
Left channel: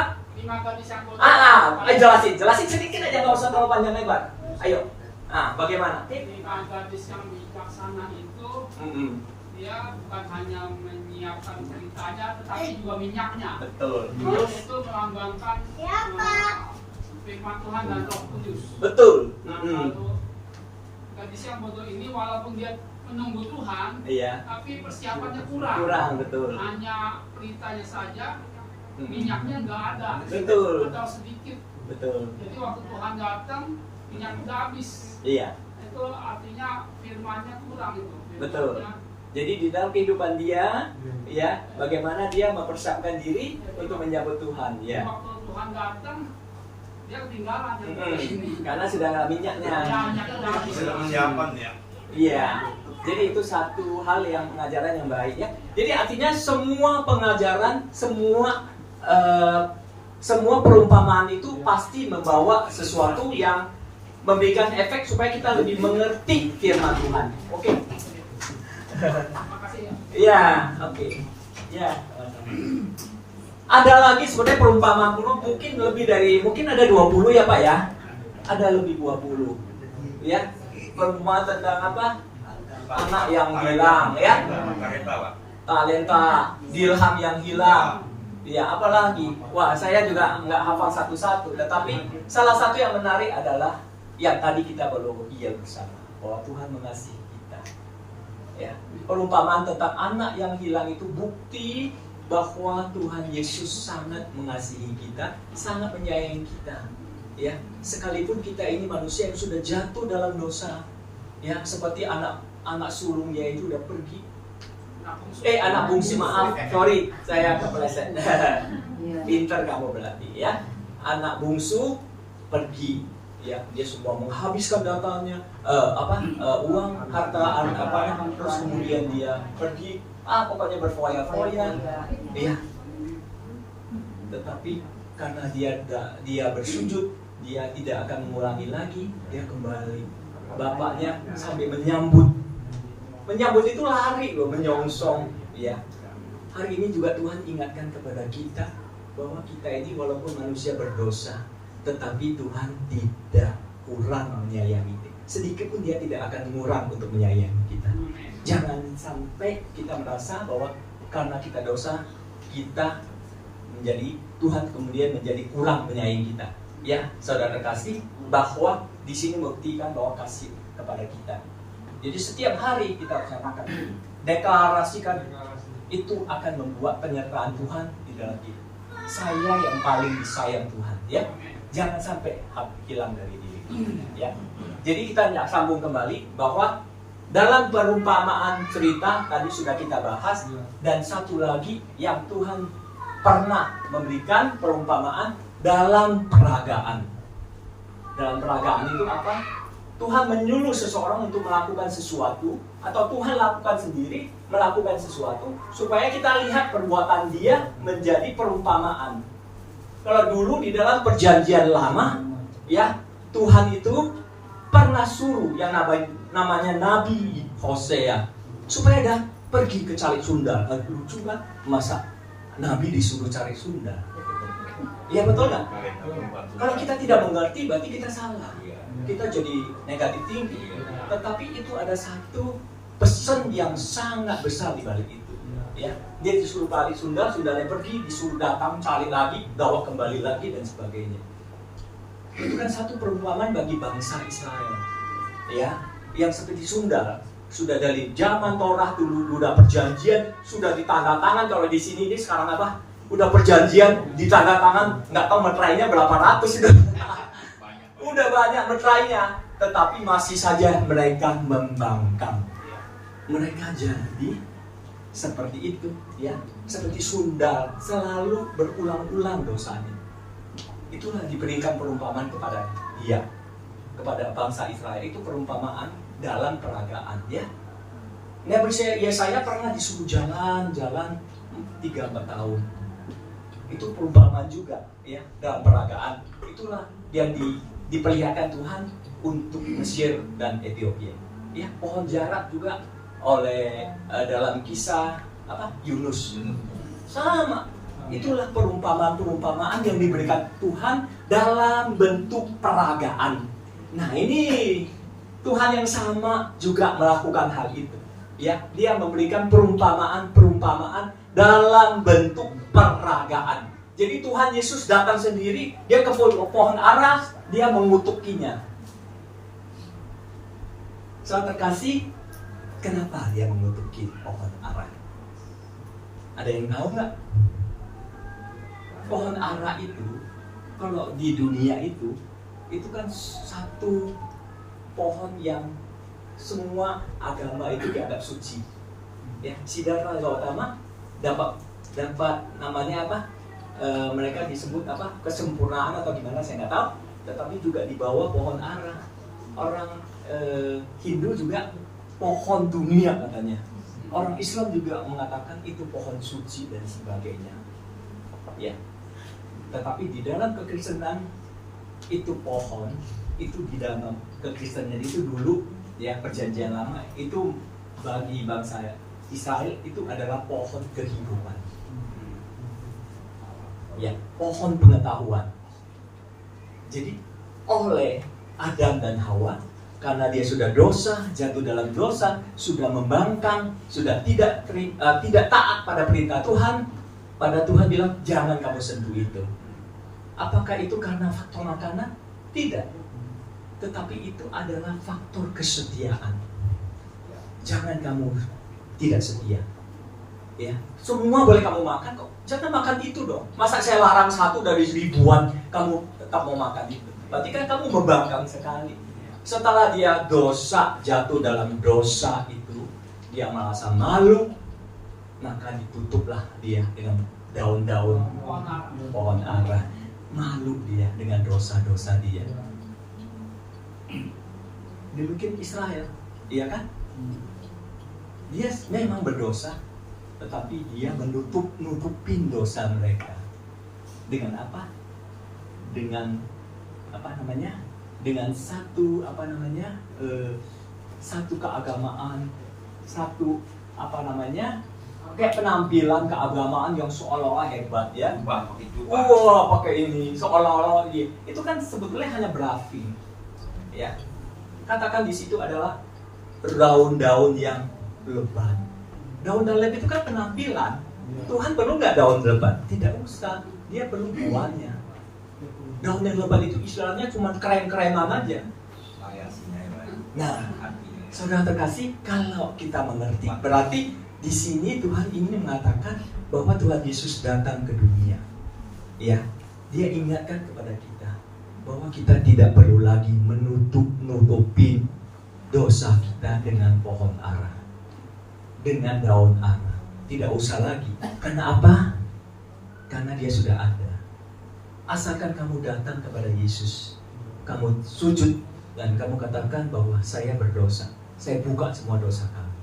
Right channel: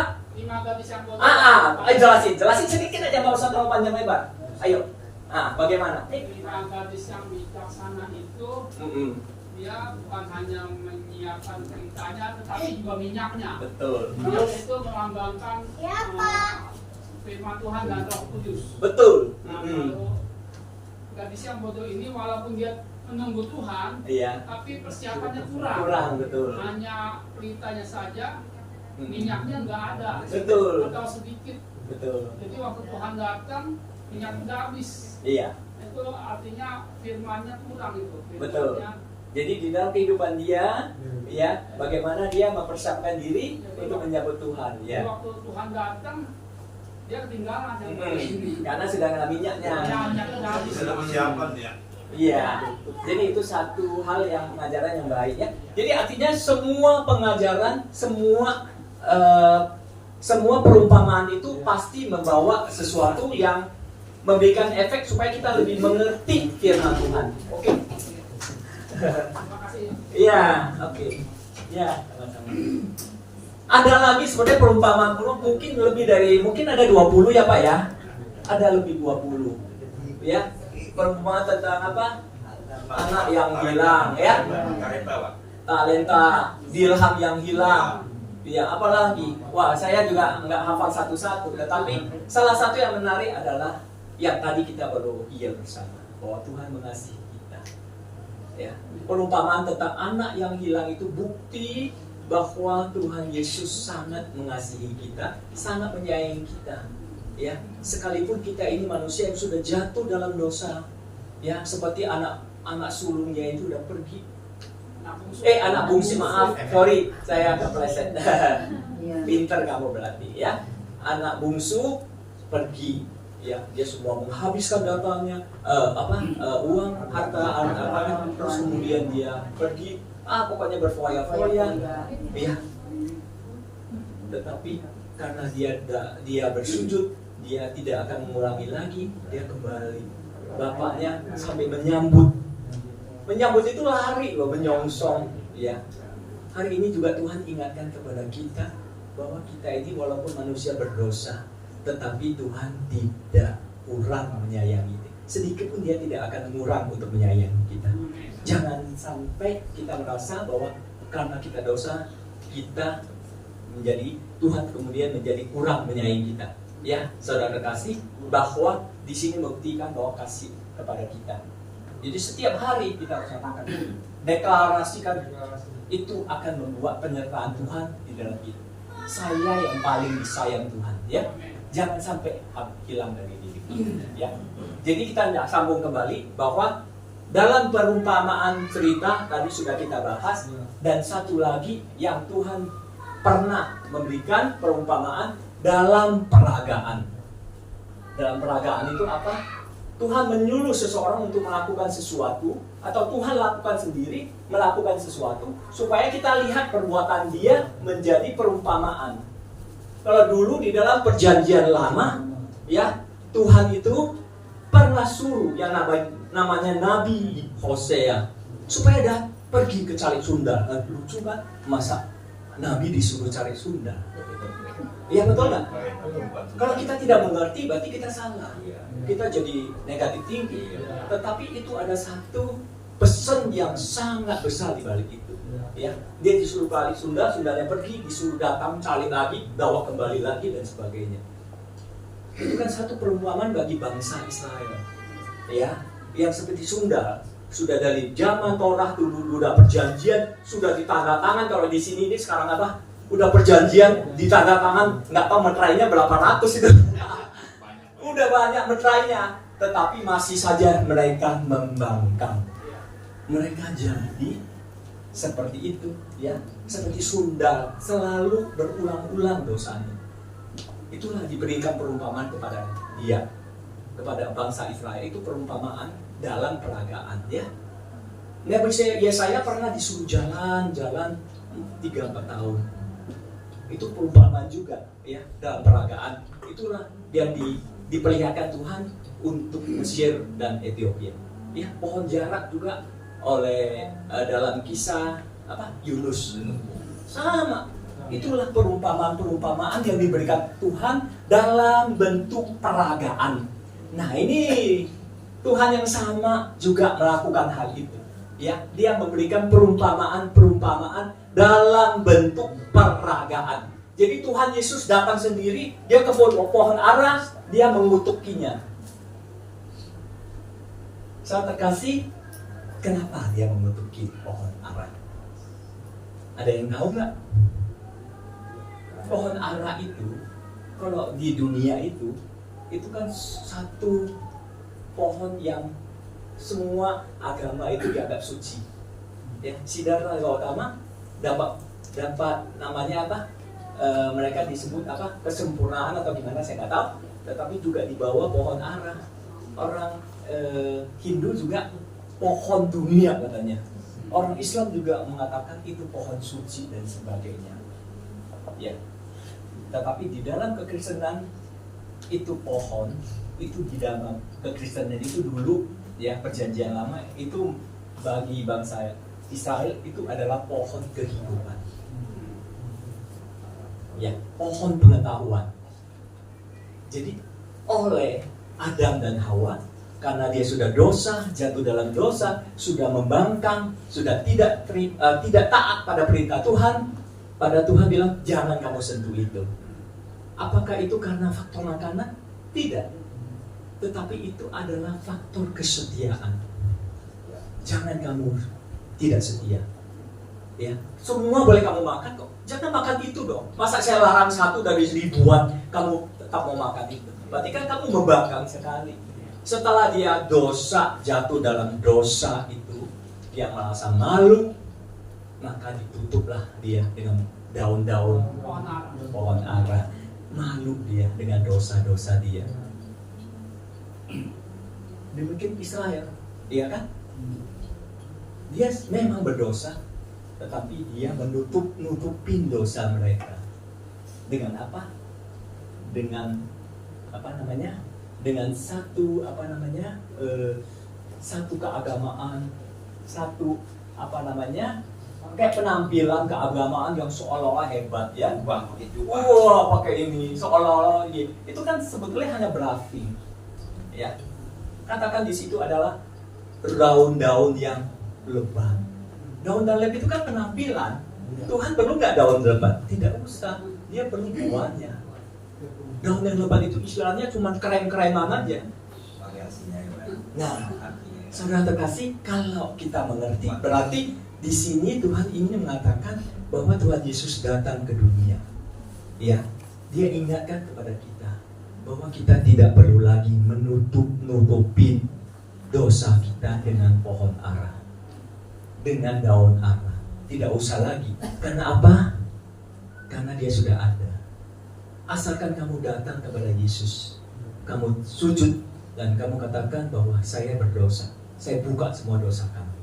Jelasin sedikit aja, nggak usah terlalu panjang lebar. Ayo. Bagaimana? 5 gadis yang bijaksana itu dia bukan hanya menyiapkan ceritanya, tetapi juga minyaknya. Betul. Minyak itu melambangkan firman Tuhan dan Roh Kudus. Betul. Lalu gadis yang bodoh ini walaupun dia menunggu Tuhan, iya, tapi persiapannya kurang. Kurang, betul. Hanya beritanya saja, minyaknya nggak ada. Betul. Atau sedikit. Betul. Jadi waktu Tuhan datang, minyak udah habis. Iya. Itu artinya firmannya kurang itu. Betul. Jadi di dalam kehidupan dia, ya, bagaimana dia mempersiapkan diri untuk menyambut Tuhan, ya. Waktu Tuhan datang, dia ketinggalan. Karena sudah nggak minyaknya. Sudah persiapan ya. Iya. Jadi itu satu hal yang pengajaran yang baik ya. Jadi artinya semua pengajaran, semua perumpamaan itu pasti membawa sesuatu yang memberikan efek supaya kita lebih mengerti firman Tuhan. Oke. Iya, oke. Ya, ada lagi sebenarnya perumpamaan mungkin ada 20 ya Pak ya. Ada lebih 20. Ya. Perumpamaan tentang apa? Anak yang hilang ya. Talenta, dirham yang hilang. Ya, apalagi? Wah, saya juga nggak hafal satu-satu, tetapi salah satu yang menarik adalah yang tadi kita baru bersama bahwa Tuhan mengasihi kita. Ya, perumpamaan tentang anak yang hilang itu bukti bahwa Tuhan Yesus sangat mengasihi kita, sangat menyayangi kita. Ya, sekalipun kita ini manusia yang sudah jatuh dalam dosa, ya, seperti anak sulungnya itu udah pergi. Anak bungsu, maaf, sorry, saya kepleset. Pintar kamu berarti, ya. Anak bungsu pergi, ya, dia semua menghabiskan datanya, uang, harta, terus kemudian dia pergi, pokoknya berfoya-foya, ya. Tetapi karena dia bersujud, dia tidak akan mengulangi lagi, dia kembali. Bapaknya sampai menyambut itu lari loh, menyongsong, ya. Hari ini juga Tuhan ingatkan kepada kita bahwa kita ini walaupun manusia berdosa, tetapi Tuhan tidak kurang menyayangi sedikit pun dia tidak akan mengurang untuk menyayangi kita. Jangan sampai kita merasa bahwa karena kita dosa, kita menjadi Tuhan kemudian menjadi kurang menyayangi kita. Ya, saudara kasih, bahwa di sini membuktikan bahwa kasih kepada kita. Jadi setiap hari kita harus nyatakan, deklarasikan, itu akan membuat penyertaan Tuhan di dalam kita. Saya yang paling disayang Tuhan, ya. Jangan sampai hilang dari diri kita, ya. Jadi kita sambung kembali bahwa dalam perumpamaan cerita tadi sudah kita bahas, dan satu lagi yang Tuhan pernah memberikan perumpamaan dalam peragaan. Dalam peragaan itu apa? Tuhan menyuruh seseorang untuk melakukan sesuatu, atau Tuhan lakukan sendiri melakukan sesuatu, supaya kita lihat perbuatan dia menjadi perumpamaan. Kalau dulu di dalam perjanjian lama, ya, Tuhan itu pernah suruh yang namanya Nabi Hosea supaya dia pergi ke cari sunda. Lucu kan? Masa Nabi disuruh cari sunda? Iya, betul nggak? Kalau kita tidak mengerti, berarti kita salah. Kita jadi negatif tinggi. Tetapi itu ada satu pesan yang sangat besar di balik itu. Ya, dia disuruh balik Sunda, Sundanya pergi, disuruh datang cari lagi, bawa kembali lagi dan sebagainya. Itu kan satu perumpamaan bagi bangsa Israel. Ya, yang seperti Sunda sudah dari zaman Torah dulu udah perjanjian, sudah ditandatangan. Kalau di sini ini sekarang apa? Udah perjanjian, ditandatangan, nggak tahu meterainya berapa ratus itu. Udah banyak meterainya, tetapi masih saja mereka membangkang. Mereka jadi seperti itu, ya, seperti Sunda, selalu berulang-ulang dosanya. Itulah diberikan perumpamaan kepada dia, kepada bangsa Israel. Itu perumpamaan dalam peragaan, ya. Yesaya pernah disuruh jalan-jalan 3-4 tahun. Itu perumpamaan juga, ya, dalam peragaan. Itulah yang diperlihatkan Tuhan untuk Mesir dan Ethiopia. Ya, pohon jarak juga oleh dalam kisah Yunus. Sama. Itulah perumpamaan-perumpamaan yang diberikan Tuhan dalam bentuk peragaan. Nah, ini Tuhan yang sama juga melakukan hal itu. Ya, dia memberikan perumpamaan-perumpamaan dalam bentuk peragaan. Jadi Tuhan Yesus datang sendiri, dia ke pohon ara, dia mengutukinya. Saudara terkasih, kenapa dia mengutuki pohon ara? Ada yang tahu nggak? Pohon ara itu, kalau di dunia itu kan satu pohon yang semua agama itu dianggap suci. Ya, Siddhartha Gautama dapat namanya apa? Mereka disebut apa? Kesempurnaan atau gimana saya nggak tahu. Tetapi juga di bawah pohon ara. Orang Hindu juga pohon dunia katanya. Orang Islam juga mengatakan itu pohon suci dan sebagainya. Ya. Tetapi di dalam kekristenan itu pohon, itu di dalam kekristenan itu dulu, ya, perjanjian lama itu bagi bangsa Israel itu adalah pohon kehidupan. Ya, pohon pengetahuan. Jadi oleh Adam dan Hawa, karena dia sudah dosa, jatuh dalam dosa, sudah membangkang, sudah tidak taat pada perintah Tuhan, pada Tuhan bilang jangan kamu sentuh itu. Apakah itu karena faktor makanan? Tidak. Tetapi itu adalah faktor kesetiaan. Jangan kamu tidak setia. Ya, semua boleh kamu makan kok. Jangan makan itu dong. Masa saya larang satu dari ribuan, kamu tetap mau makan itu? Berarti kan kamu membangkang sekali. Setelah dia dosa, jatuh dalam dosa itu, dia merasa malu, maka ditutuplah dia dengan daun-daun pohon ara. Malu dia dengan dosa-dosa dia. Demikian Israel, iya kan? Dia memang berdosa, tetapi dia nutupin dosa mereka. Dengan apa? Dengan dengan satu satu keagamaan, satu kayak penampilan keagamaan yang seolah-olah hebat, ya. Pakai ini seolah-olah ini. Itu kan sebetulnya hanya bluffing, ya. katakan di situ adalah daun-daun yang lebat. Daun-daun lebat itu kan penampilan. Tuhan perlu nggak daun lebat? Tidak usah. Dia perlu buahnya. Daun yang lebat itu istilahnya cuma krem-kreman aja. Variasinya ya, Pak. Nah, saudara terkasih, kalau kita mengerti, berarti di sini Tuhan ingin mengatakan bahwa Tuhan Yesus datang ke dunia. Ya, Dia ingatkan kepada kita bahwa kita tidak perlu lagi nutupin dosa kita dengan pohon ara, dengan daun ara. Tidak usah lagi. Karena apa? Karena Dia sudah ada. Asalkan kamu datang kepada Yesus, kamu sujud dan kamu katakan bahwa saya berdosa, saya buka semua dosa kamu.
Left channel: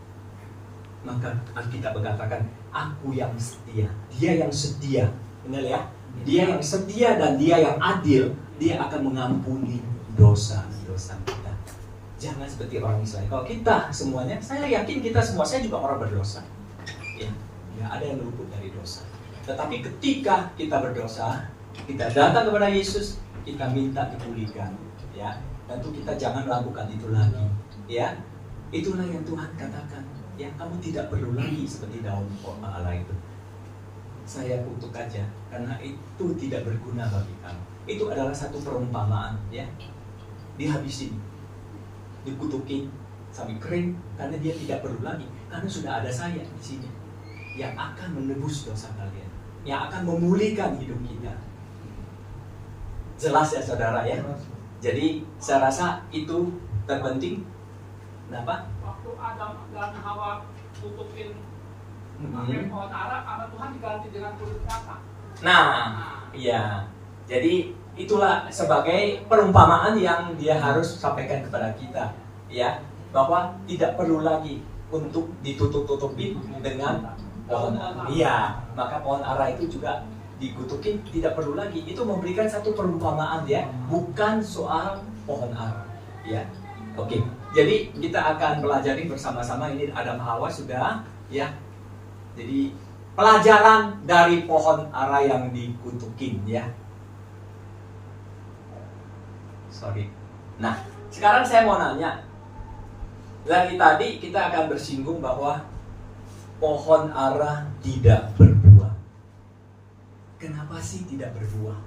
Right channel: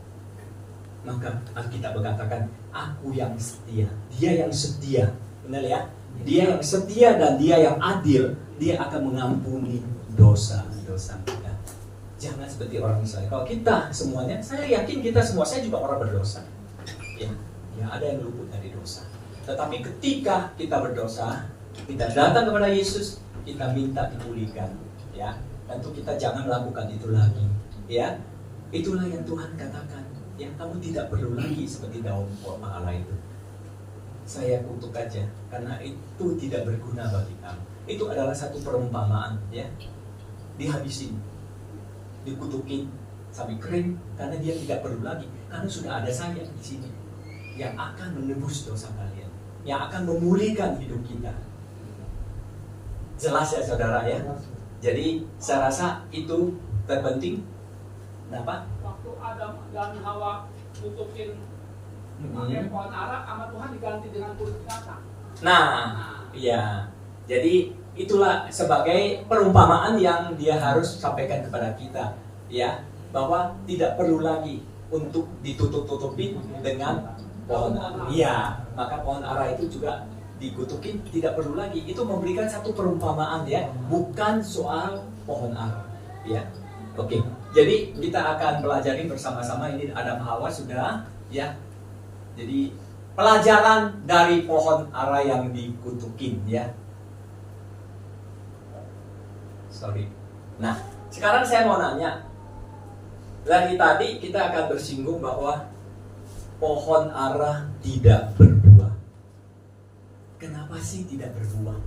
Maka Alkitab berkatakan, aku yang setia, Dia yang setia, benar ya? Dia yang setia dan Dia yang adil, Dia akan mengampuni dosa-dosa kita. Jangan seperti orang Israel. Kalau kita semuanya, saya yakin kita semua, saya juga orang berdosa. Ya, ada yang luput dari dosa. Tetapi ketika kita berdosa, kita datang kepada Yesus, kita minta dipulihkan, ya. Tentu kita jangan melakukan itu lagi, ya. Itulah yang Tuhan katakan, ya. Kamu tidak perlu lagi seperti daun ara itu. Saya kutuk aja, karena itu tidak berguna bagi kamu. Itu adalah satu perumpamaan, ya. Dihabisin, dikutukin sampai kering, karena dia tidak perlu lagi, karena sudah ada saya di sini yang akan menebus dosa kalian, yang akan memulihkan hidup kita. Jelas ya saudara ya. Jadi saya rasa itu terpenting. Kenapa? Waktu Adam dan Hawa tutupin pakai pohon ara, sama Tuhan diganti dengan kulit kata. Nah, iya. Jadi itulah sebagai perumpamaan yang Dia harus sampaikan kepada kita, ya, bahwa tidak perlu lagi untuk ditutup-tutupin dengan pohon ara. Iya, maka pohon ara itu juga dikutukin tidak perlu lagi. Itu memberikan satu perumpamaan, ya, bukan soal pohon ara, ya. Oke. Jadi kita akan pelajari bersama-sama. Ini Adam Hawa sudah, ya. Jadi pelajaran dari pohon ara yang dikutukin, ya. Sorry. Nah, sekarang saya mau nanya. Dari tadi kita akan bersinggung bahwa pohon ara tidak berbuah. Kenapa sih tidak berbuah?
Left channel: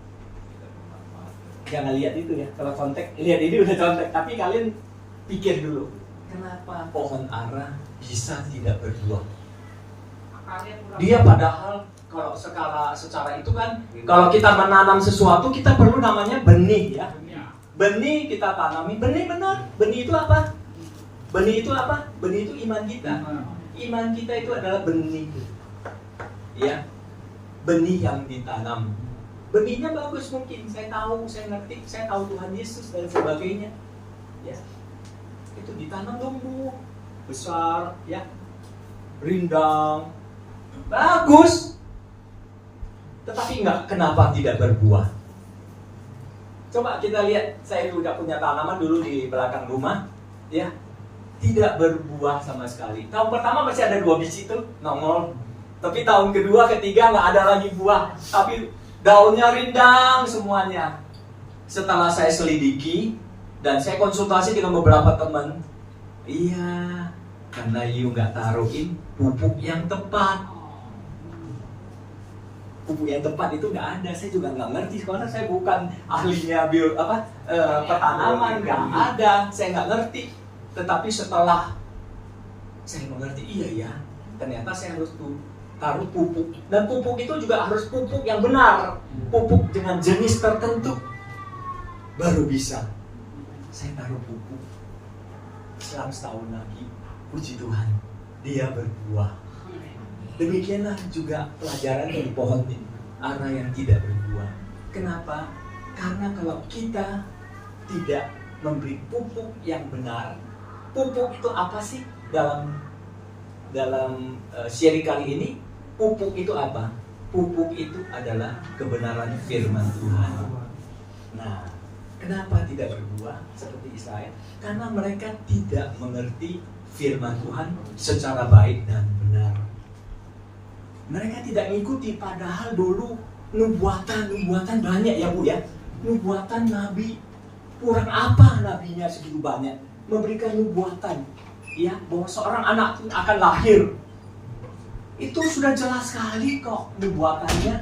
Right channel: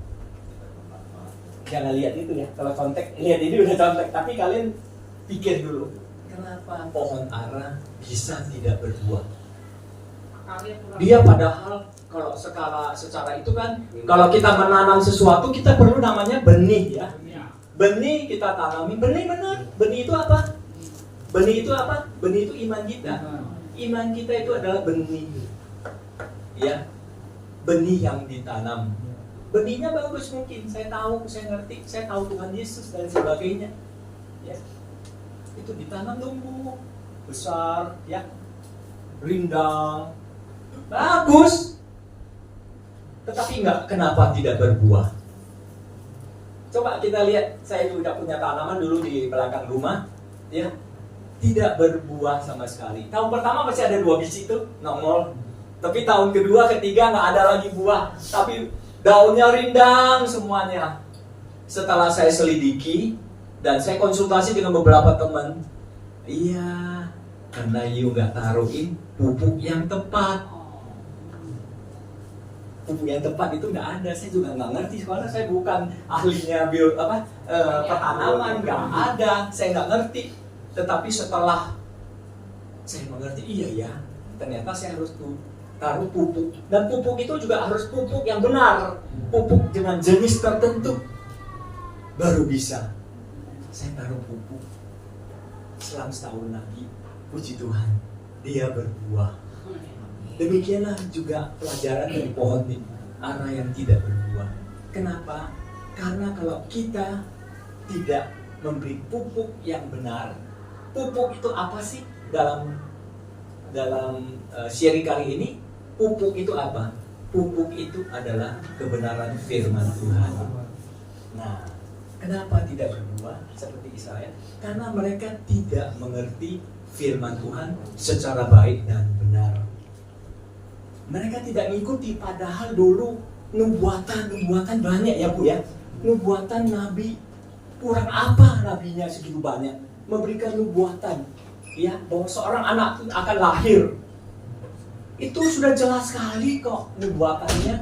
Jangan lihat itu ya. Kalau contek, lihat ini udah contek. Tapi kalian pikir dulu, kenapa pohon ara bisa tidak berbuah? Dia padahal kalau secara itu kan, kalau kita menanam sesuatu kita perlu namanya benih, ya. Benih kita tanami, benih benar. Benih itu apa? Benih itu apa? Benih itu iman kita. Iman kita itu adalah benih, ya. Benih yang ditanam. Benihnya bagus mungkin, saya tahu, saya ngerti, saya tahu Tuhan Yesus dan sebagainya, ya. Itu ditanam tumbuh besar, ya, rindang, bagus. Tetapi kenapa tidak berbuah? Coba kita lihat, saya juga punya tanaman dulu di belakang rumah, ya, tidak berbuah sama sekali. Tahun pertama masih ada 2 biji tuh nongol. Tapi tahun kedua, ketiga nggak ada lagi buah. Tapi daunnya rindang semuanya. Setelah saya selidiki dan saya konsultasi dengan beberapa teman, iya, karena you nggak taruhin pupuk yang tepat. Pupuk yang tepat itu nggak ada. Saya juga nggak ngerti karena saya bukan ahlinya pertanaman, nggak ada. Saya nggak ngerti. Tetapi setelah saya mengerti, iya ya, ternyata saya harus taruh pupuk. Dan pupuk itu juga harus pupuk yang benar. Pupuk dengan jenis tertentu. Baru bisa. Saya taruh pupuk. Selang setahun lagi, puji Tuhan, dia berbuah. Demikianlah juga pelajaran dari pohon ara yang tidak berbuah. Kenapa? Karena kalau kita tidak memberi pupuk yang benar. Pupuk itu apa sih dalam seri kali ini? Pupuk itu apa? Pupuk itu adalah kebenaran firman Tuhan. Nah, kenapa tidak berbuah seperti Israel? Karena mereka tidak mengerti firman Tuhan secara baik dan benar. Mereka tidak mengikuti, padahal dulu nubuatan banyak ya Bu ya. Nubuatan Nabi, kurang apa nabinya segitu banyak? memberikan nubuatan, ya, bahwa seorang anak akan lahir. Itu sudah jelas sekali kok nubuatannya.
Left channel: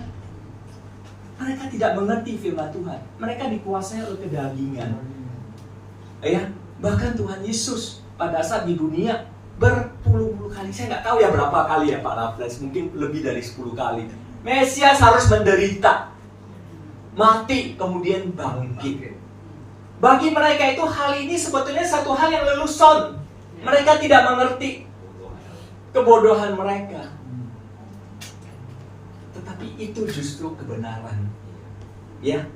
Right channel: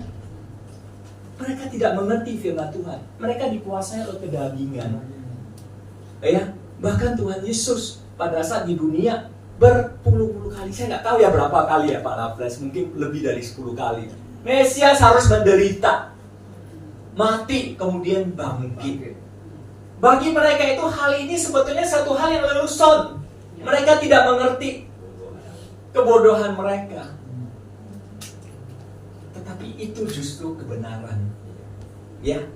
Mereka tidak mengerti firman Tuhan. Mereka dikuasai oleh kedagingan. Ya, bahkan Tuhan Yesus pada saat di dunia berpuluh-puluh kali, saya nggak tahu ya berapa kali ya Pak Raffles, mungkin lebih dari 10 kali. Mesias harus menderita, mati, kemudian bangkit. Bagi mereka itu hal ini sebetulnya satu hal yang lelucon. Mereka tidak mengerti kebodohan mereka. Tetapi itu justru kebenaran. Ya.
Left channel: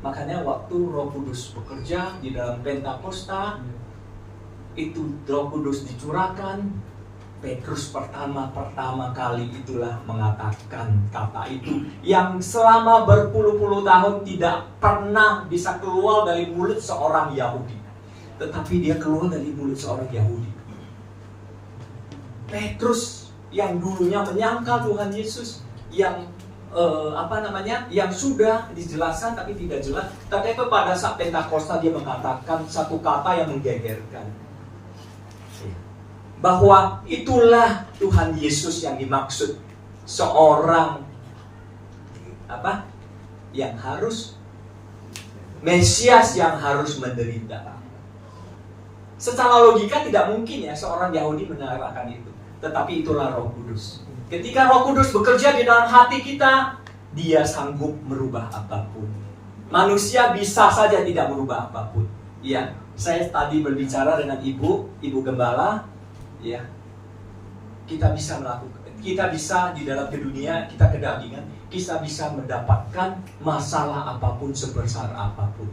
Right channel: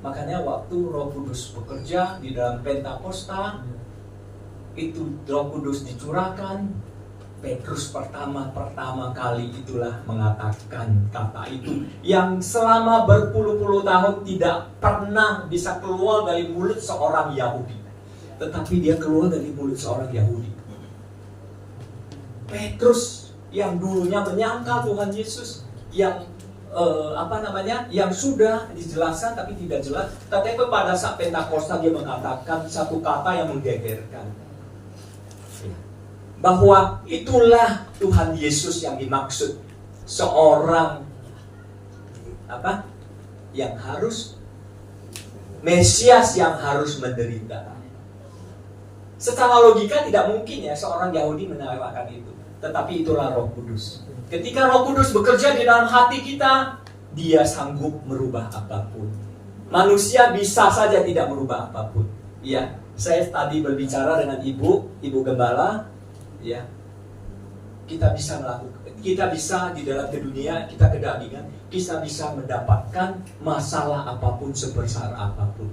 Makanya waktu Roh Kudus bekerja di dalam Pentakosta, itu Roh Kudus dicurahkan, Petrus pertama kali itulah mengatakan kata itu yang selama berpuluh-puluh tahun tidak pernah bisa keluar dari mulut seorang Yahudi, tetapi dia keluar dari mulut seorang Yahudi. Petrus yang dulunya menyangkal Tuhan Yesus, yang yang sudah dijelaskan tapi tidak jelas, tapi pada saat Pentakosta dia mengatakan satu kata yang menggegerkan, bahwa itulah Tuhan Yesus yang dimaksud, seorang yang harus Mesias yang harus menderita. Secara logika tidak mungkin ya seorang Yahudi menerangkan itu, tetapi itulah Roh Kudus. Ketika Roh Kudus bekerja di dalam hati kita, dia sanggup merubah apapun. Manusia bisa saja tidak merubah apapun. Ya, saya tadi berbicara dengan ibu gembala. Ya, kita bisa di dalam dunia kita kedagingan, kita bisa mendapatkan masalah apapun sebesar apapun.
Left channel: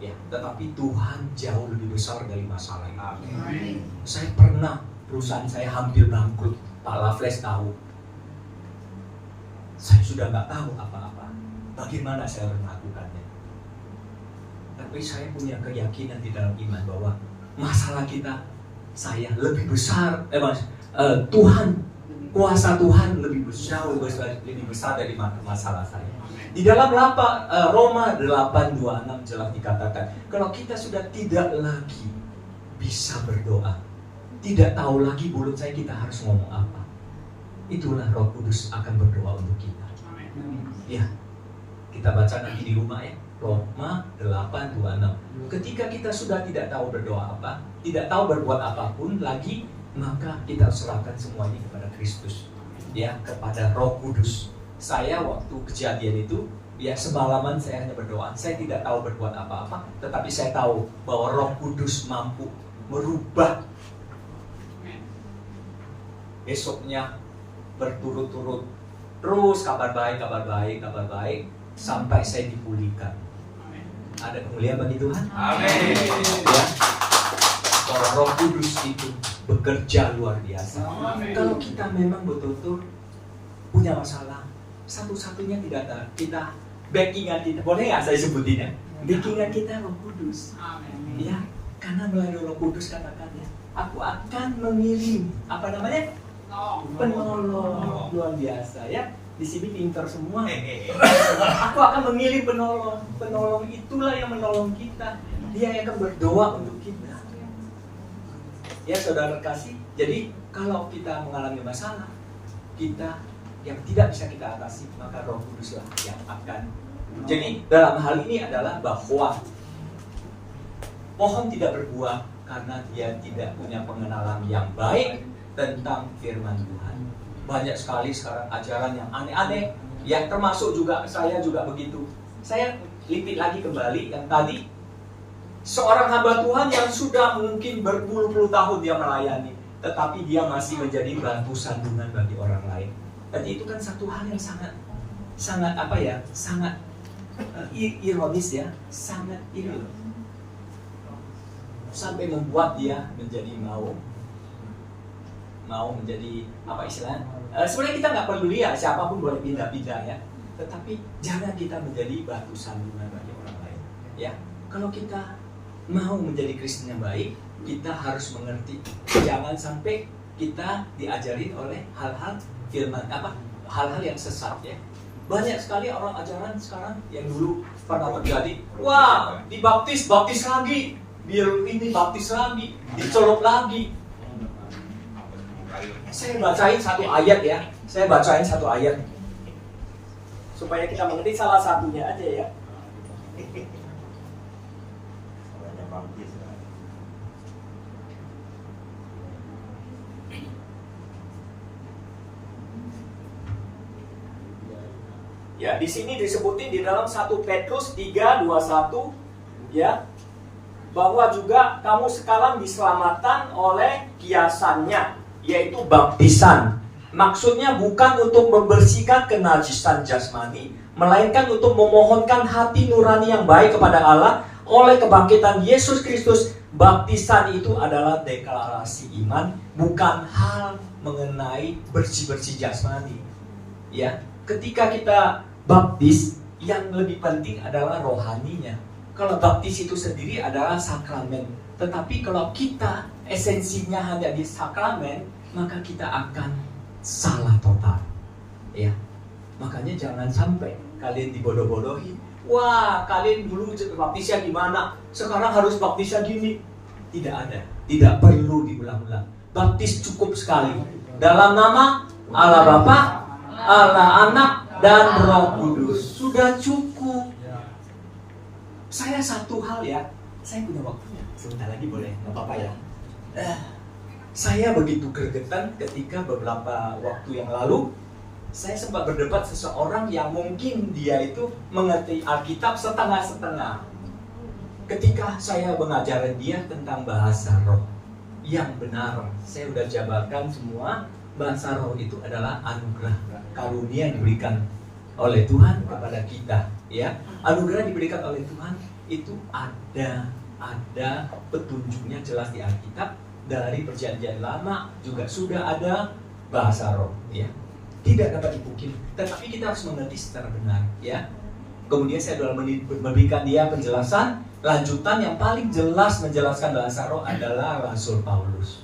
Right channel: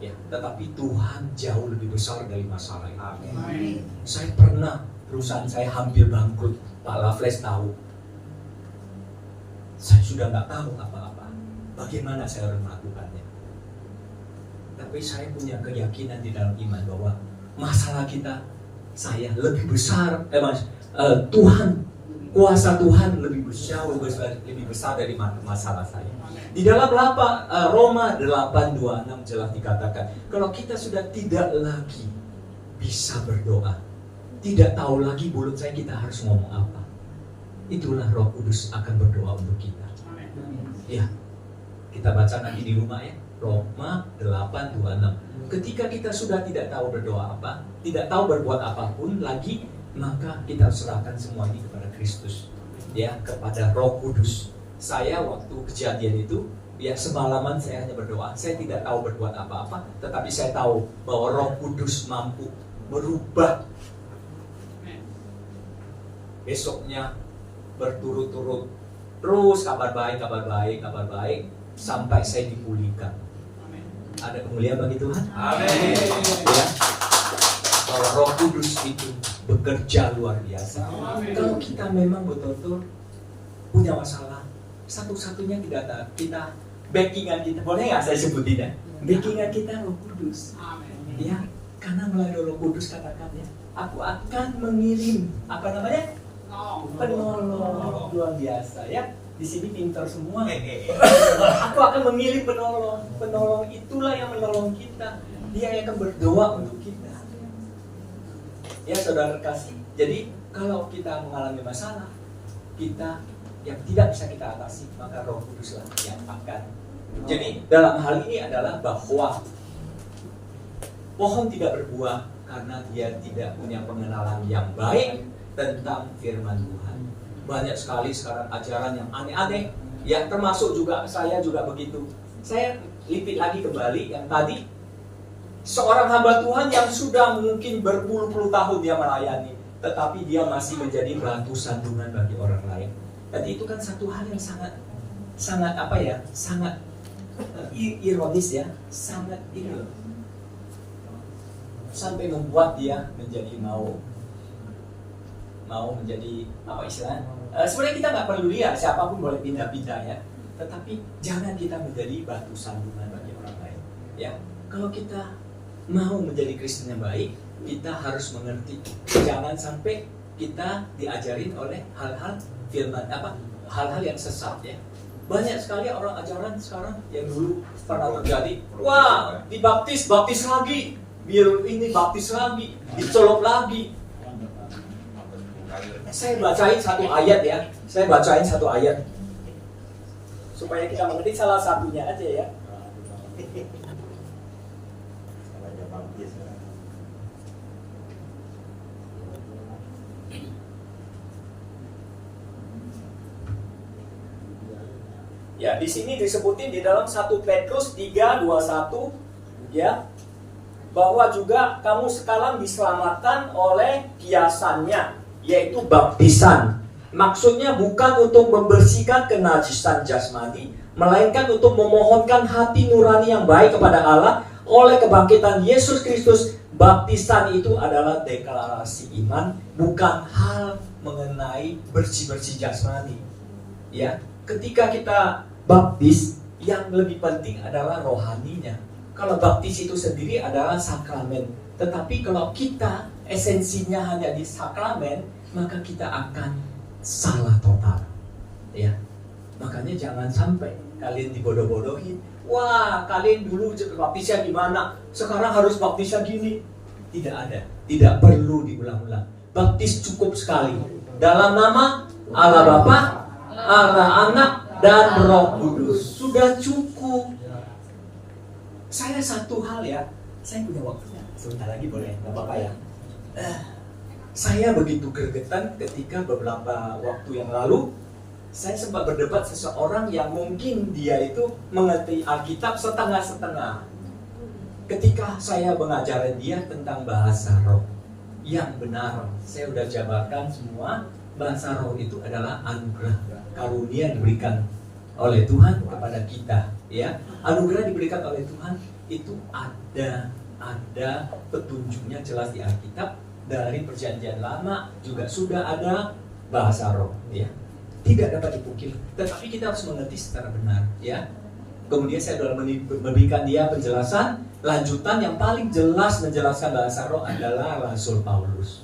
Ya, tetapi Tuhan jauh lebih besar dari masalah ini. Saya pernah, perusahaan saya hampir bangkrut, Pak Raffles tahu. Saya sudah nggak tahu apa-apa. Bagaimana saya harus melakukannya? Tapi saya punya keyakinan di dalam iman bahwa masalah kita, saya lebih besar, Tuhan, kuasa Tuhan lebih besar dari masalah saya. Di dalam Roma 8:26 jelas dikatakan, kalau kita sudah tidak lagi bisa berdoa, tidak tahu lagi mulut saya kita harus ngomong apa, itulah Roh Kudus akan berdoa untuk kita. Ya, kita baca nanti di rumah ya, Roma 8:26. Ketika kita sudah tidak tahu berdoa apa, tidak tahu berbuat apapun lagi, maka kita serahkan semua ini kepada Kristus, ya, kepada Roh Kudus. Saya waktu kejadian itu, ya, semalaman saya hanya berdoa. Saya tidak tahu berbuat apa-apa, tetapi saya tahu bahwa Roh Kudus mampu merubah. Besoknya berturut-turut terus kabar baik sampai saya dipulihkan. Ada kemuliaan bagi Tuhan. Amin. Ya, bahwa Roh Kudus itu bekerja luar biasa. Amin. Kalau kita memang betul-betul punya masalah, satu-satunya tidak ada kita, backingan kita, boleh nggak saya sebutin ya? Backingan kita Roh Kudus. Amin. Ya, karena melalui Roh Kudus katakannya, aku akan mengirim penolong luar biasa ya. Di sini pinter semua. Aku akan mengirim penolong. Penolong itulah yang menolong kita. Dia yang akan berdoa untuk kita. Ya saudara kasih. Jadi kalau kita mengalami masalah, kita yang tidak bisa kita atasi, maka Roh Kuduslah yang akan. Jadi dalam hal ini adalah bahwa pohon tidak berbuah karena dia tidak punya pengenalan yang baik tentang firman Tuhan. Banyak sekali sekarang ajaran yang aneh-aneh, ya, termasuk juga saya juga begitu. Saya lipit lagi kembali yang tadi, seorang hamba Tuhan yang sudah mungkin berpuluh-puluh tahun dia melayani, tetapi dia masih menjadi batu sandungan bagi orang lain. Dan itu kan satu hal yang sangat ironis ya, sangat ironis. Sampai membuat dia menjadi mau menjadi apa istilahnya? Sebenarnya kita nggak peduli ya, siapapun boleh pindah-pindah ya. Tetapi jangan kita menjadi batu sandungan bagi orang lain. Ya, kalau kita mau menjadi Kristen yang baik, kita harus mengerti. Jangan sampai kita diajarin oleh hal-hal firman hal-hal yang sesat ya. Banyak sekali orang ajaran sekarang yang dulu pernah terjadi. Wah, dibaptis lagi. biar ini baptis lagi, dicelup lagi. Saya bacain satu ayat ya. Saya bacain satu ayat supaya kita mengerti salah satunya aja ya. Ya, di sini disebutin di dalam 1 Petrus 3:21 ya, bahwa juga kamu sekarang diselamatkan oleh kiasannya, yaitu baptisan. Maksudnya bukan untuk membersihkan kenajisan jasmani, melainkan untuk memohonkan hati nurani yang baik kepada Allah oleh kebangkitan Yesus Kristus. Baptisan itu adalah deklarasi iman, bukan hal mengenai bersih-bersih jasmani. Ya, ketika kita baptis, yang lebih penting adalah rohaninya. Kalau baptis itu sendiri adalah sakramen, tetapi kalau kita esensinya hanya di sakramen, maka kita akan salah total. Ya, makanya jangan sampai kalian dibodoh-bodohin. Wah, kalian dulu baptisnya gimana? Sekarang harus baptisnya gini. Tidak ada, tidak perlu diulang-ulang. Baptis cukup sekali. Dalam nama Allah Bapa, Allah Anak, dan Roh Kudus. Sudah cukup. Saya satu hal ya, saya punya waktunya. Sebentar lagi boleh, nggak apa-apa ya. Saya begitu gregetan ketika beberapa waktu yang lalu saya sempat berdebat seseorang yang mungkin dia itu mengerti Alkitab setengah-setengah. Ketika saya mengajarin dia tentang bahasa roh yang benar, saya sudah jabarkan semua. Bahasa roh itu adalah anugerah, karunia yang diberikan oleh Tuhan kepada kita. Ya, anugerah diberikan oleh Tuhan itu ada petunjuknya jelas di Alkitab. Dari Perjanjian Lama juga sudah ada bahasa roh. Ya, tidak dapat dipungkiri, tetapi kita harus mengerti secara benar, ya. Kemudian saya sudah memberikan dia penjelasan lanjutan yang paling jelas menjelaskan bahasa roh adalah Rasul Paulus.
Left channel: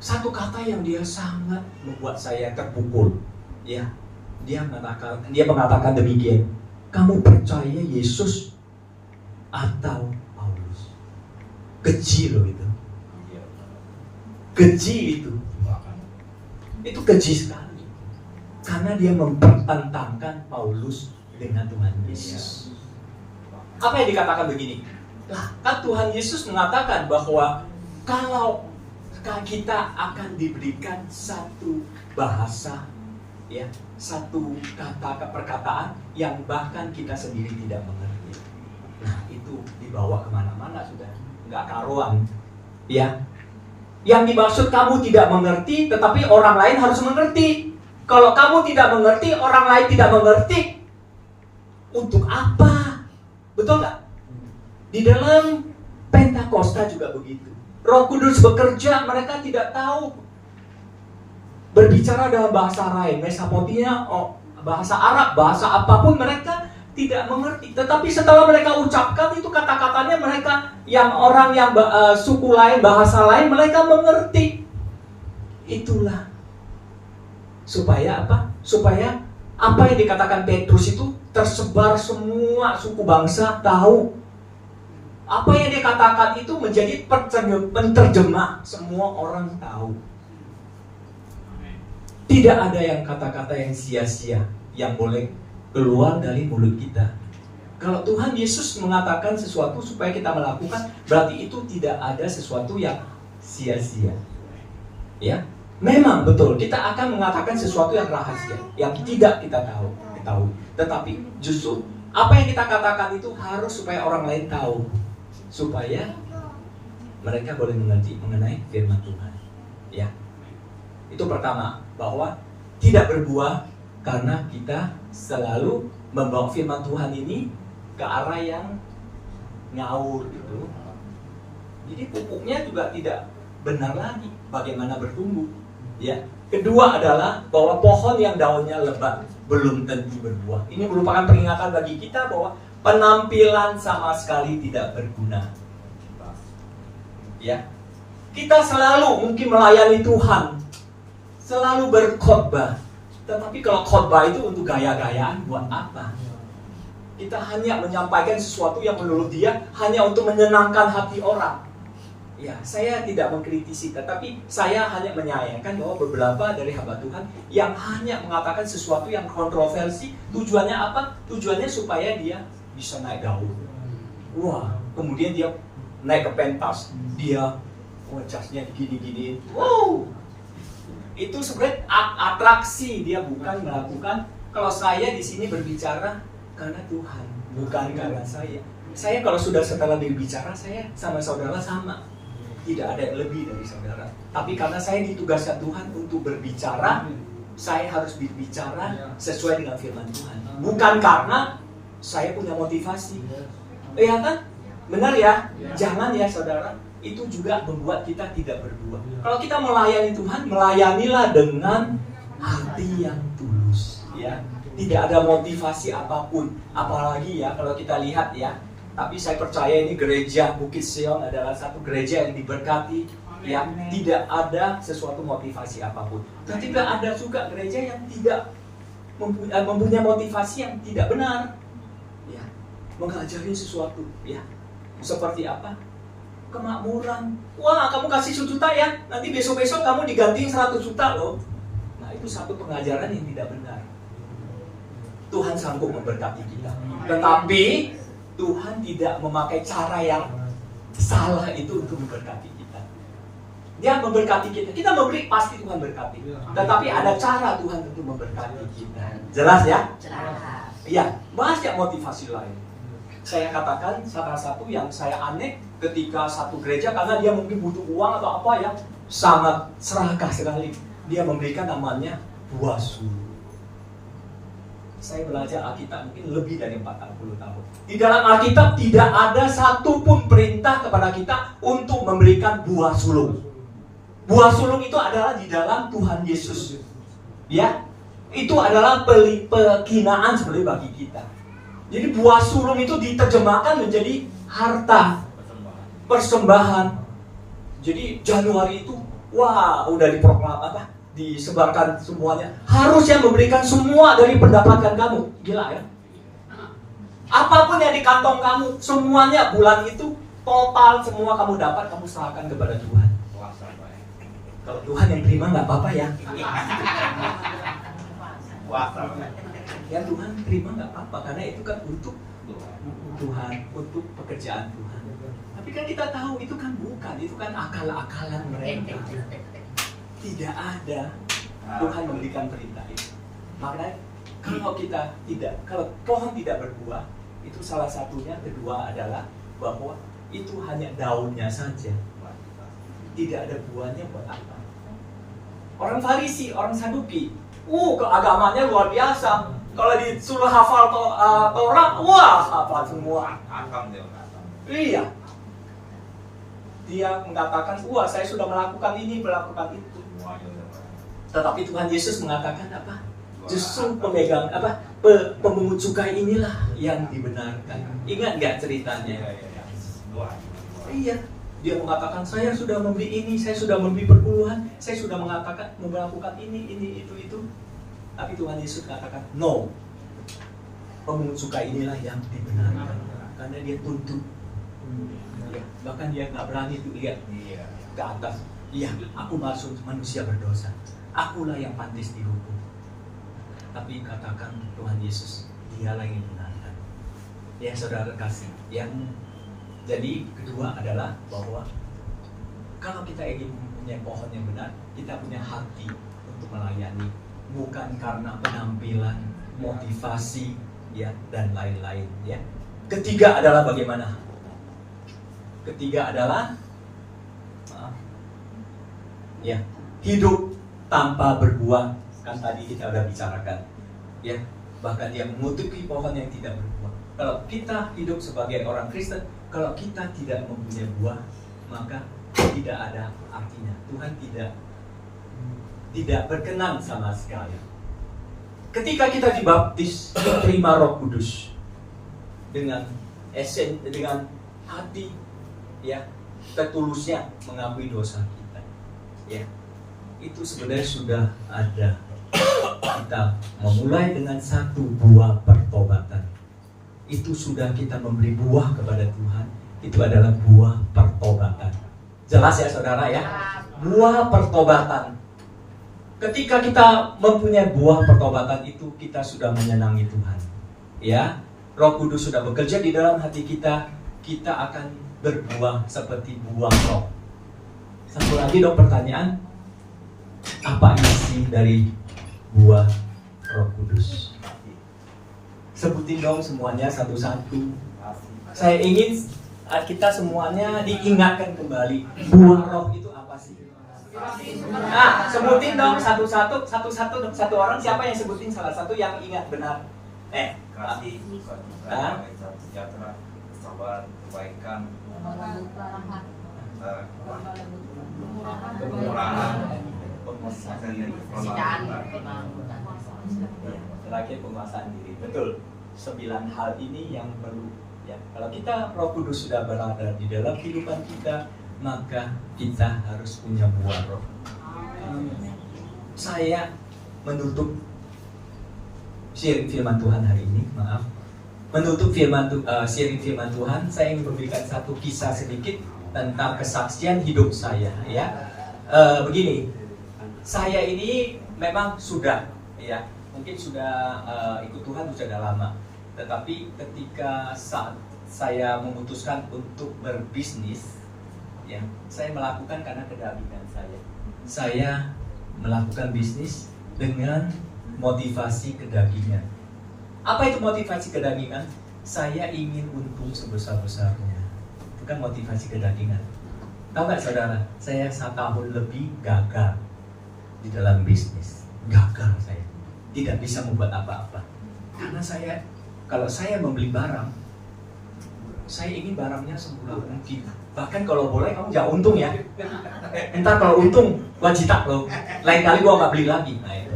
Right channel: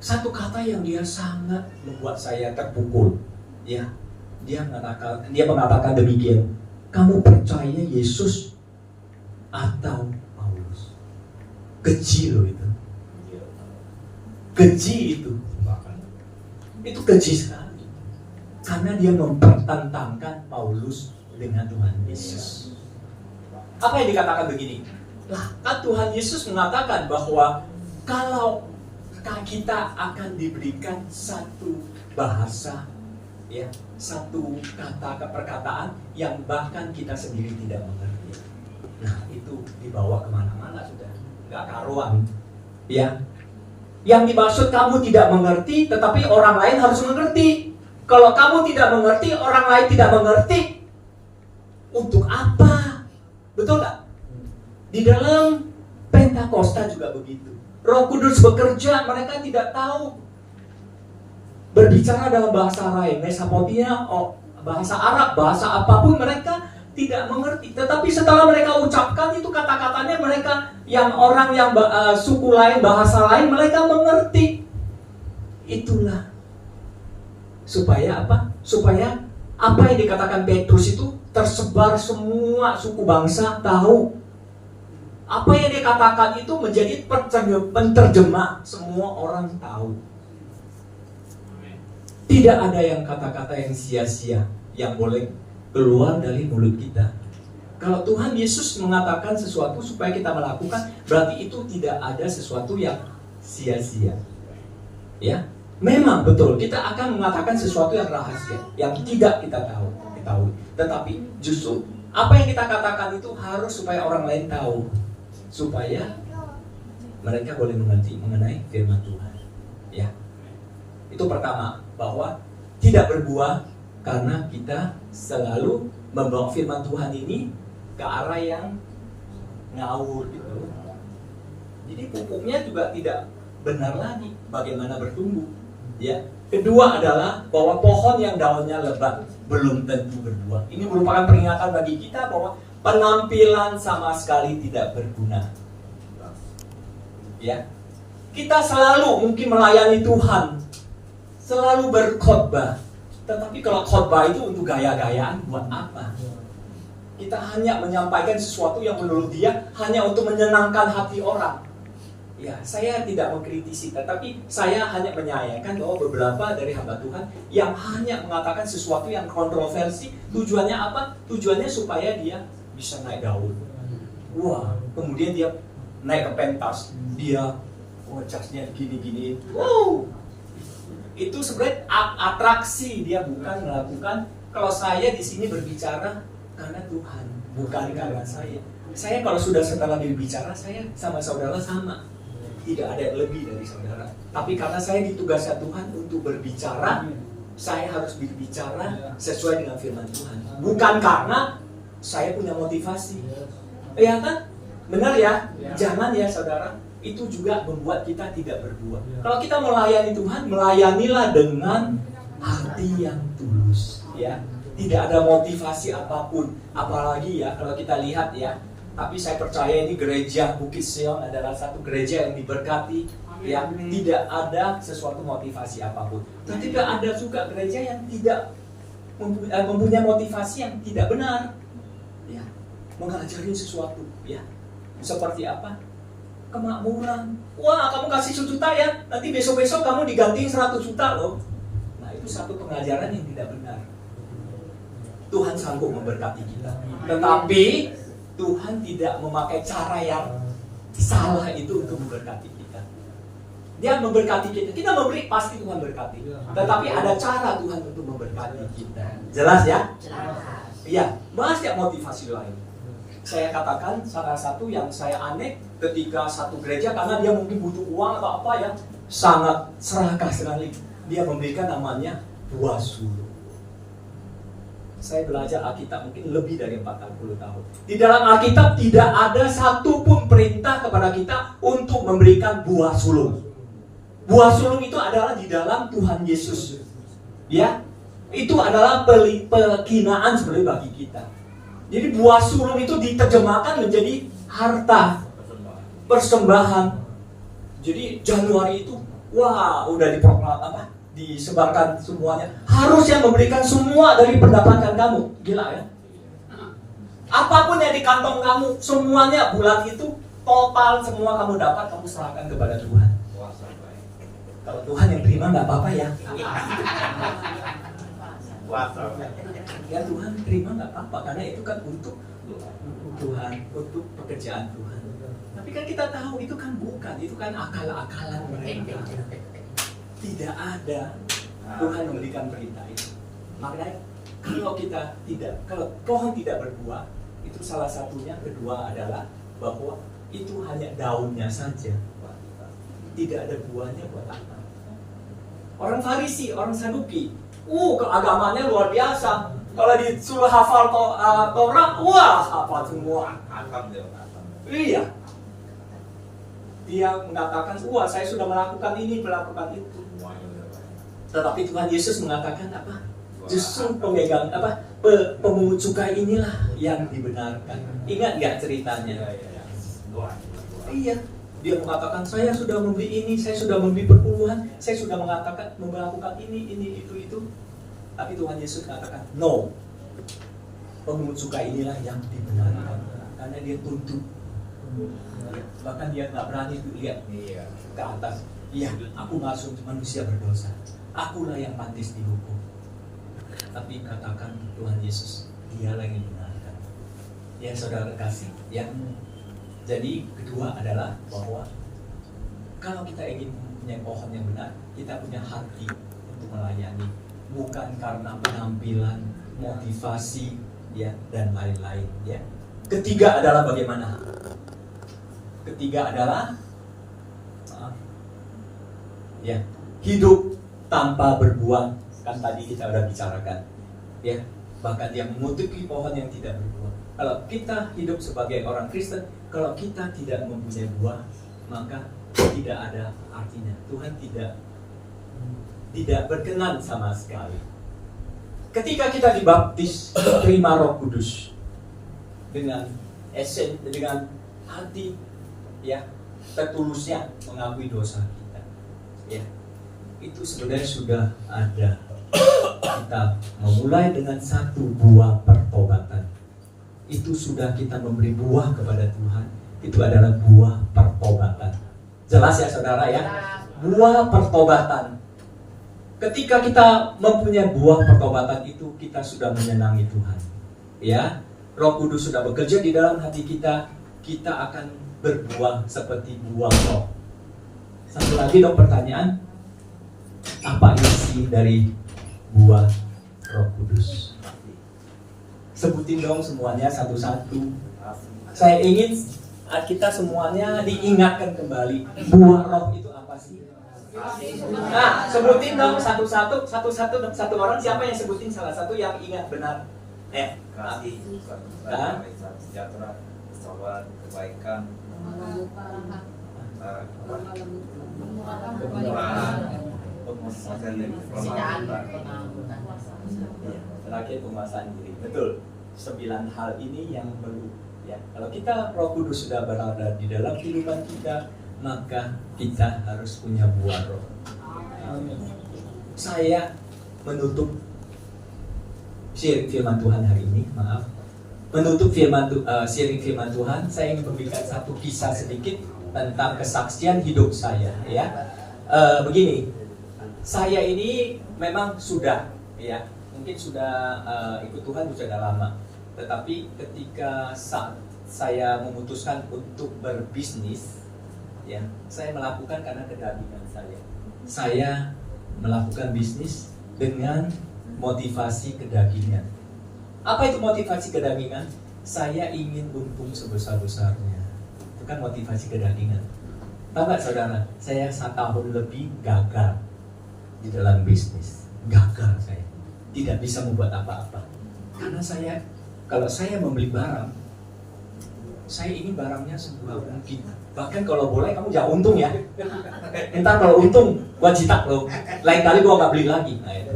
Satu kata yang dia sangat membuat saya terpukul, ya. Dia mengatakan demikian, kamu percaya Yesus atau Paulus? Keji loh itu, keji itu keji sekali. Karena dia mempertentangkan Paulus dengan Tuhan Yesus. Apa yang dikatakan begini? Lah, kan Tuhan Yesus mengatakan bahwa kalau kita akan diberikan satu bahasa, ya, satu kata perkataan yang bahkan kita sendiri tidak mengerti. Nah, itu dibawa kemana-mana sudah, nggak karuan, ya. Yang dimaksud kamu tidak mengerti, tetapi orang lain harus mengerti. Kalau kamu tidak mengerti, orang lain tidak mengerti, untuk apa? Betul nggak? Di dalam Pentakosta juga begitu. Roh Kudus bekerja, mereka tidak tahu berbicara dalam bahasa lain, Mesopotamia, bahasa Arab, bahasa apapun mereka tidak mengerti. Tetapi setelah mereka ucapkan itu kata-katanya, mereka yang orang yang suku lain, bahasa lain, mereka mengerti. Itulah supaya apa? Supaya apa yang dikatakan Petrus itu tersebar semua suku bangsa tahu. Apa yang dikatakan itu menjadi penterjemah, semua orang tahu. Tidak ada yang kata-kata yang sia-sia yang boleh keluar dari mulut kita. Kalau Tuhan Yesus mengatakan sesuatu supaya kita melakukan, berarti itu tidak ada sesuatu yang sia-sia. Ya, memang betul kita akan mengatakan sesuatu yang rahasia, yang tidak kita ketahui. Tetapi justru apa yang kita katakan itu harus supaya orang lain tahu, supaya mereka boleh mengerti mengenai firman Tuhan. Ya, itu pertama, bahwa tidak berbuah karena kita selalu membawa firman Tuhan ini ke arah yang ngawur gitu. Jadi pupuknya juga tidak benar lagi bagaimana bertumbuh. Ya. Kedua adalah bahwa pohon yang daunnya lebat belum tentu berbuah. Ini merupakan peringatan bagi kita bahwa penampilan sama sekali tidak berguna. Ya. Kita selalu mungkin melayani Tuhan, selalu berkhotbah. Tetapi kalau khotbah itu untuk gaya-gayaan, buat apa? Kita hanya menyampaikan sesuatu yang menurut dia hanya untuk menyenangkan hati orang. Ya, saya tidak mengkritisi, tetapi saya hanya menyayangkan bahwa beberapa dari hamba Tuhan yang hanya mengatakan sesuatu yang kontroversi, tujuannya apa? Tujuannya supaya dia bisa naik daun. Wah, kemudian dia naik ke pentas, dia jasnya gini-gini. Wow, itu sebenarnya atraksi, dia bukan melakukan. Kalau saya di sini berbicara karena Tuhan, bukan karena saya. Saya kalau sudah setelah berbicara, saya sama saudara sama. Tidak ada yang lebih dari saudara. Tapi karena saya ditugaskan Tuhan untuk berbicara, saya harus berbicara sesuai dengan firman Tuhan. Bukan karena saya punya motivasi. Ya kan? Benar ya? Jangan ya saudara. Itu juga membuat kita tidak berbuah. Kalau kita melayani Tuhan, melayanilah dengan hati yang tulus. Ya, tidak ada motivasi apapun. Apalagi ya kalau kita lihat ya. Tapi saya percaya ini gereja Bukit Sion adalah satu gereja yang diberkati, yang tidak ada sesuatu motivasi apapun. Tapi ada juga gereja yang tidak mempunyai motivasi yang tidak benar, ya, mengajari sesuatu, ya, seperti apa? Kemakmuran. Wah, kamu kasih 1 juta ya, nanti besok-besok kamu diganti 100 juta loh. Nah, itu satu pengajaran yang tidak benar. Tuhan sanggup memberkati kita, tetapi Tuhan tidak memakai cara yang salah itu untuk memberkati kita. Dia memberkati kita. Kita memberi, pasti Tuhan berkati. Tetapi ada cara Tuhan untuk memberkati kita. Jelas ya? Jelas. Iya, banyak motivasi lain. Saya katakan salah satu yang saya aneh ketika satu gereja, karena dia mungkin butuh uang atau apa ya, sangat serakah sekali. Dia memberikan namanya buah sulung. Saya belajar Alkitab mungkin lebih dari 40 tahun. Di dalam Alkitab tidak ada satupun perintah kepada kita untuk memberikan buah sulung. Buah sulung itu adalah di dalam Tuhan Yesus. Ya, itu adalah penghinaan sebenarnya bagi kita. Jadi buah sulung itu diterjemahkan menjadi harta, persembahan. Jadi Januari itu, wah, udah disebarkan semuanya. Harusnya memberikan semua dari pendapatan kamu. Gila ya? Apapun yang di kantong kamu, semuanya bulan itu total semua kamu dapat, kamu serahkan kepada Tuhan. Kalau Tuhan yang terima nggak apa-apa ya. Ya Tuhan terima nggak apa-apa, karena itu kan untuk Tuhan, untuk pekerjaan Tuhan. Tapi kan kita tahu itu kan bukan, itu kan akal-akalan mereka. Tidak ada Tuhan memberikan perintah itu. Makanya kalau pohon tidak berbuah, itu salah satunya. Kedua adalah bahwa itu hanya daunnya saja, tidak ada buahnya buat apa. Orang Farisi, orang Saduki, keagamannya luar biasa. Kalau disuruh hafal Torah, wah hafal semua. Iya. Dia mengatakan, wah saya sudah melakukan ini, melakukan itu. Tetapi Tuhan Yesus mengatakan apa? Justru pemungut cukai inilah yang dibenarkan. Ingat nggak ceritanya? Iya. Dia mengatakan, saya sudah memberi ini, saya sudah memberi perpuluhan, saya sudah melakukan ini, itu. Tapi Tuhan Yesus katakan, no. Pemungut cukai inilah yang dibenarkan. Karena dia tuntut. Ya, bahkan dia nggak berani tuh lihat ke atas. Iya, aku masuk manusia berdosa. Akulah yang pantas dihukum. Tapi katakan Tuhan Yesus, dialah yang dibenarkan. Ya saudara kasih, jadi kedua adalah bahwa kalau kita ingin punya pohon yang benar, kita punya hati untuk melayani, bukan karena penampilan, motivasi, ya dan lain-lain. Ya. Ketiga adalah bagaimana? Ketiga adalah hidup tanpa berbuah. Kan tadi kita sudah bicarakan, ya, bahkan dia mengutuki pohon yang tidak berbuah. Kalau kita hidup sebagai orang Kristen, kalau kita tidak mempunyai buah, maka tidak ada artinya. Tuhan tidak berkenan sama sekali. Ketika kita dibaptis, terima Roh Kudus dengan hati, ya, tertulusnya mengakui dosa kita, ya, itu sebenarnya sudah ada. Kita memulai dengan satu buah pertobatan. itu sudah kita memberi buah kepada Tuhan, itu adalah buah pertobatan. Jelas ya saudara ya? Buah pertobatan. Ketika kita mempunyai buah pertobatan itu, kita sudah menyenangi Tuhan. Ya, Roh Kudus sudah bekerja di dalam hati kita, kita akan berbuah seperti buah roh. Satu lagi dong pertanyaan, apa isi dari buah Roh Kudus? Sebutin dong semuanya satu-satu. Saya ingin kita semuanya diingatkan kembali, buah roh itu apa sih? Nah, sebutin dong satu-satu dong, satu orang. Siapa yang sebutin salah satu yang ingat benar? Kasih, sejahtera, kesabaran, kebaikan, kemurahan, terakhir penguasaan diri. Betul. 9 hal ini yang perlu ya. Kalau kita Roh Kudus sudah berada di dalam kehidupan kita, maka kita harus punya buah roh. Saya menutup sharing firman Tuhan hari ini, maaf. Menutup sharing firman Tuhan, saya ingin memberikan satu kisah sedikit tentang kesaksian hidup saya ya. Begini, saya ini memang sudah ya, mungkin sudah ikut Tuhan sudah lama. Tetapi ketika saat saya memutuskan untuk berbisnis ya, saya melakukan karena kedagingan saya. Saya melakukan bisnis dengan motivasi kedagingan. Apa itu motivasi kedagingan? Saya ingin untung sebesar-besarnya. Itu kan motivasi kedagingan. Tahu nggak saudara? Saya 1 tahun lebih gagal di dalam bisnis. Gagal saya. Tidak bisa membuat apa-apa. Karena kalau saya membeli barang, saya ingin barangnya semurah mungkin. Bahkan kalau boleh kamu jangan untung ya. Entar kalau untung wajib tak lo. Lain kali gua nggak beli lagi. Nah itu.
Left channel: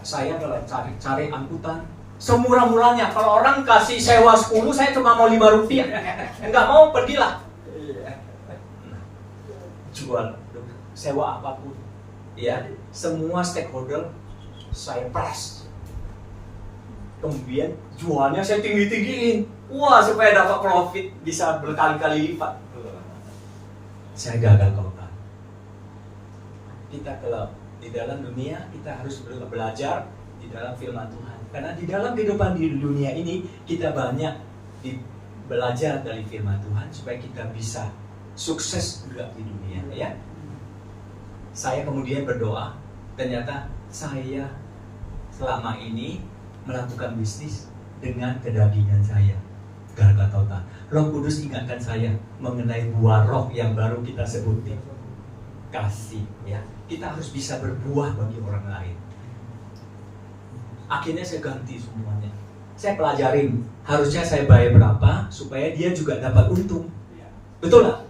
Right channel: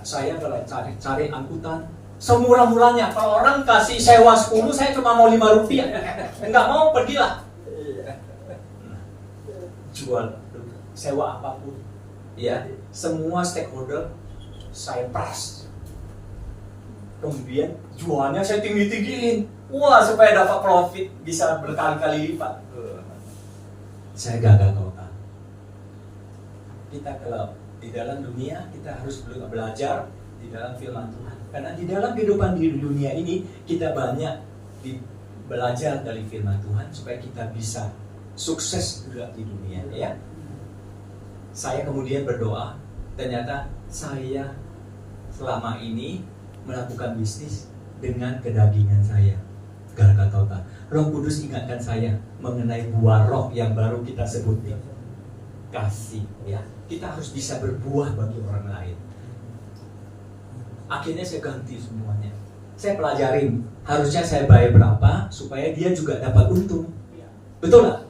Saya kalau cari angkutan semurah-murahnya. Kalau orang kasih sewa 10, saya cuma mau 5 rupiah. Enggak mau, pergilah. Jual, sewa apapun. Ya, semua stakeholder saya press. Kemudian jualnya saya tinggi-tinggiin. Wah, supaya dapat profit bisa berkali-kali lipat. Saya gagal total. Kita kalau di dalam dunia kita harus belajar di dalam firman Tuhan. Karena di dalam kehidupan di dunia ini kita banyak belajar dari firman Tuhan supaya kita bisa sukses juga di dunia ya. Saya kemudian berdoa, ternyata saya selama ini melakukan bisnis dengan kedagingan saya. Gagal total. Roh Kudus ingatkan saya mengenai buah roh yang baru kita sebutin. Kasih ya. Kita harus bisa berbuah bagi orang lain. Akhirnya saya ganti semuanya. Saya pelajarin, harusnya saya bayar berapa supaya dia juga dapat untung. Betul nggak?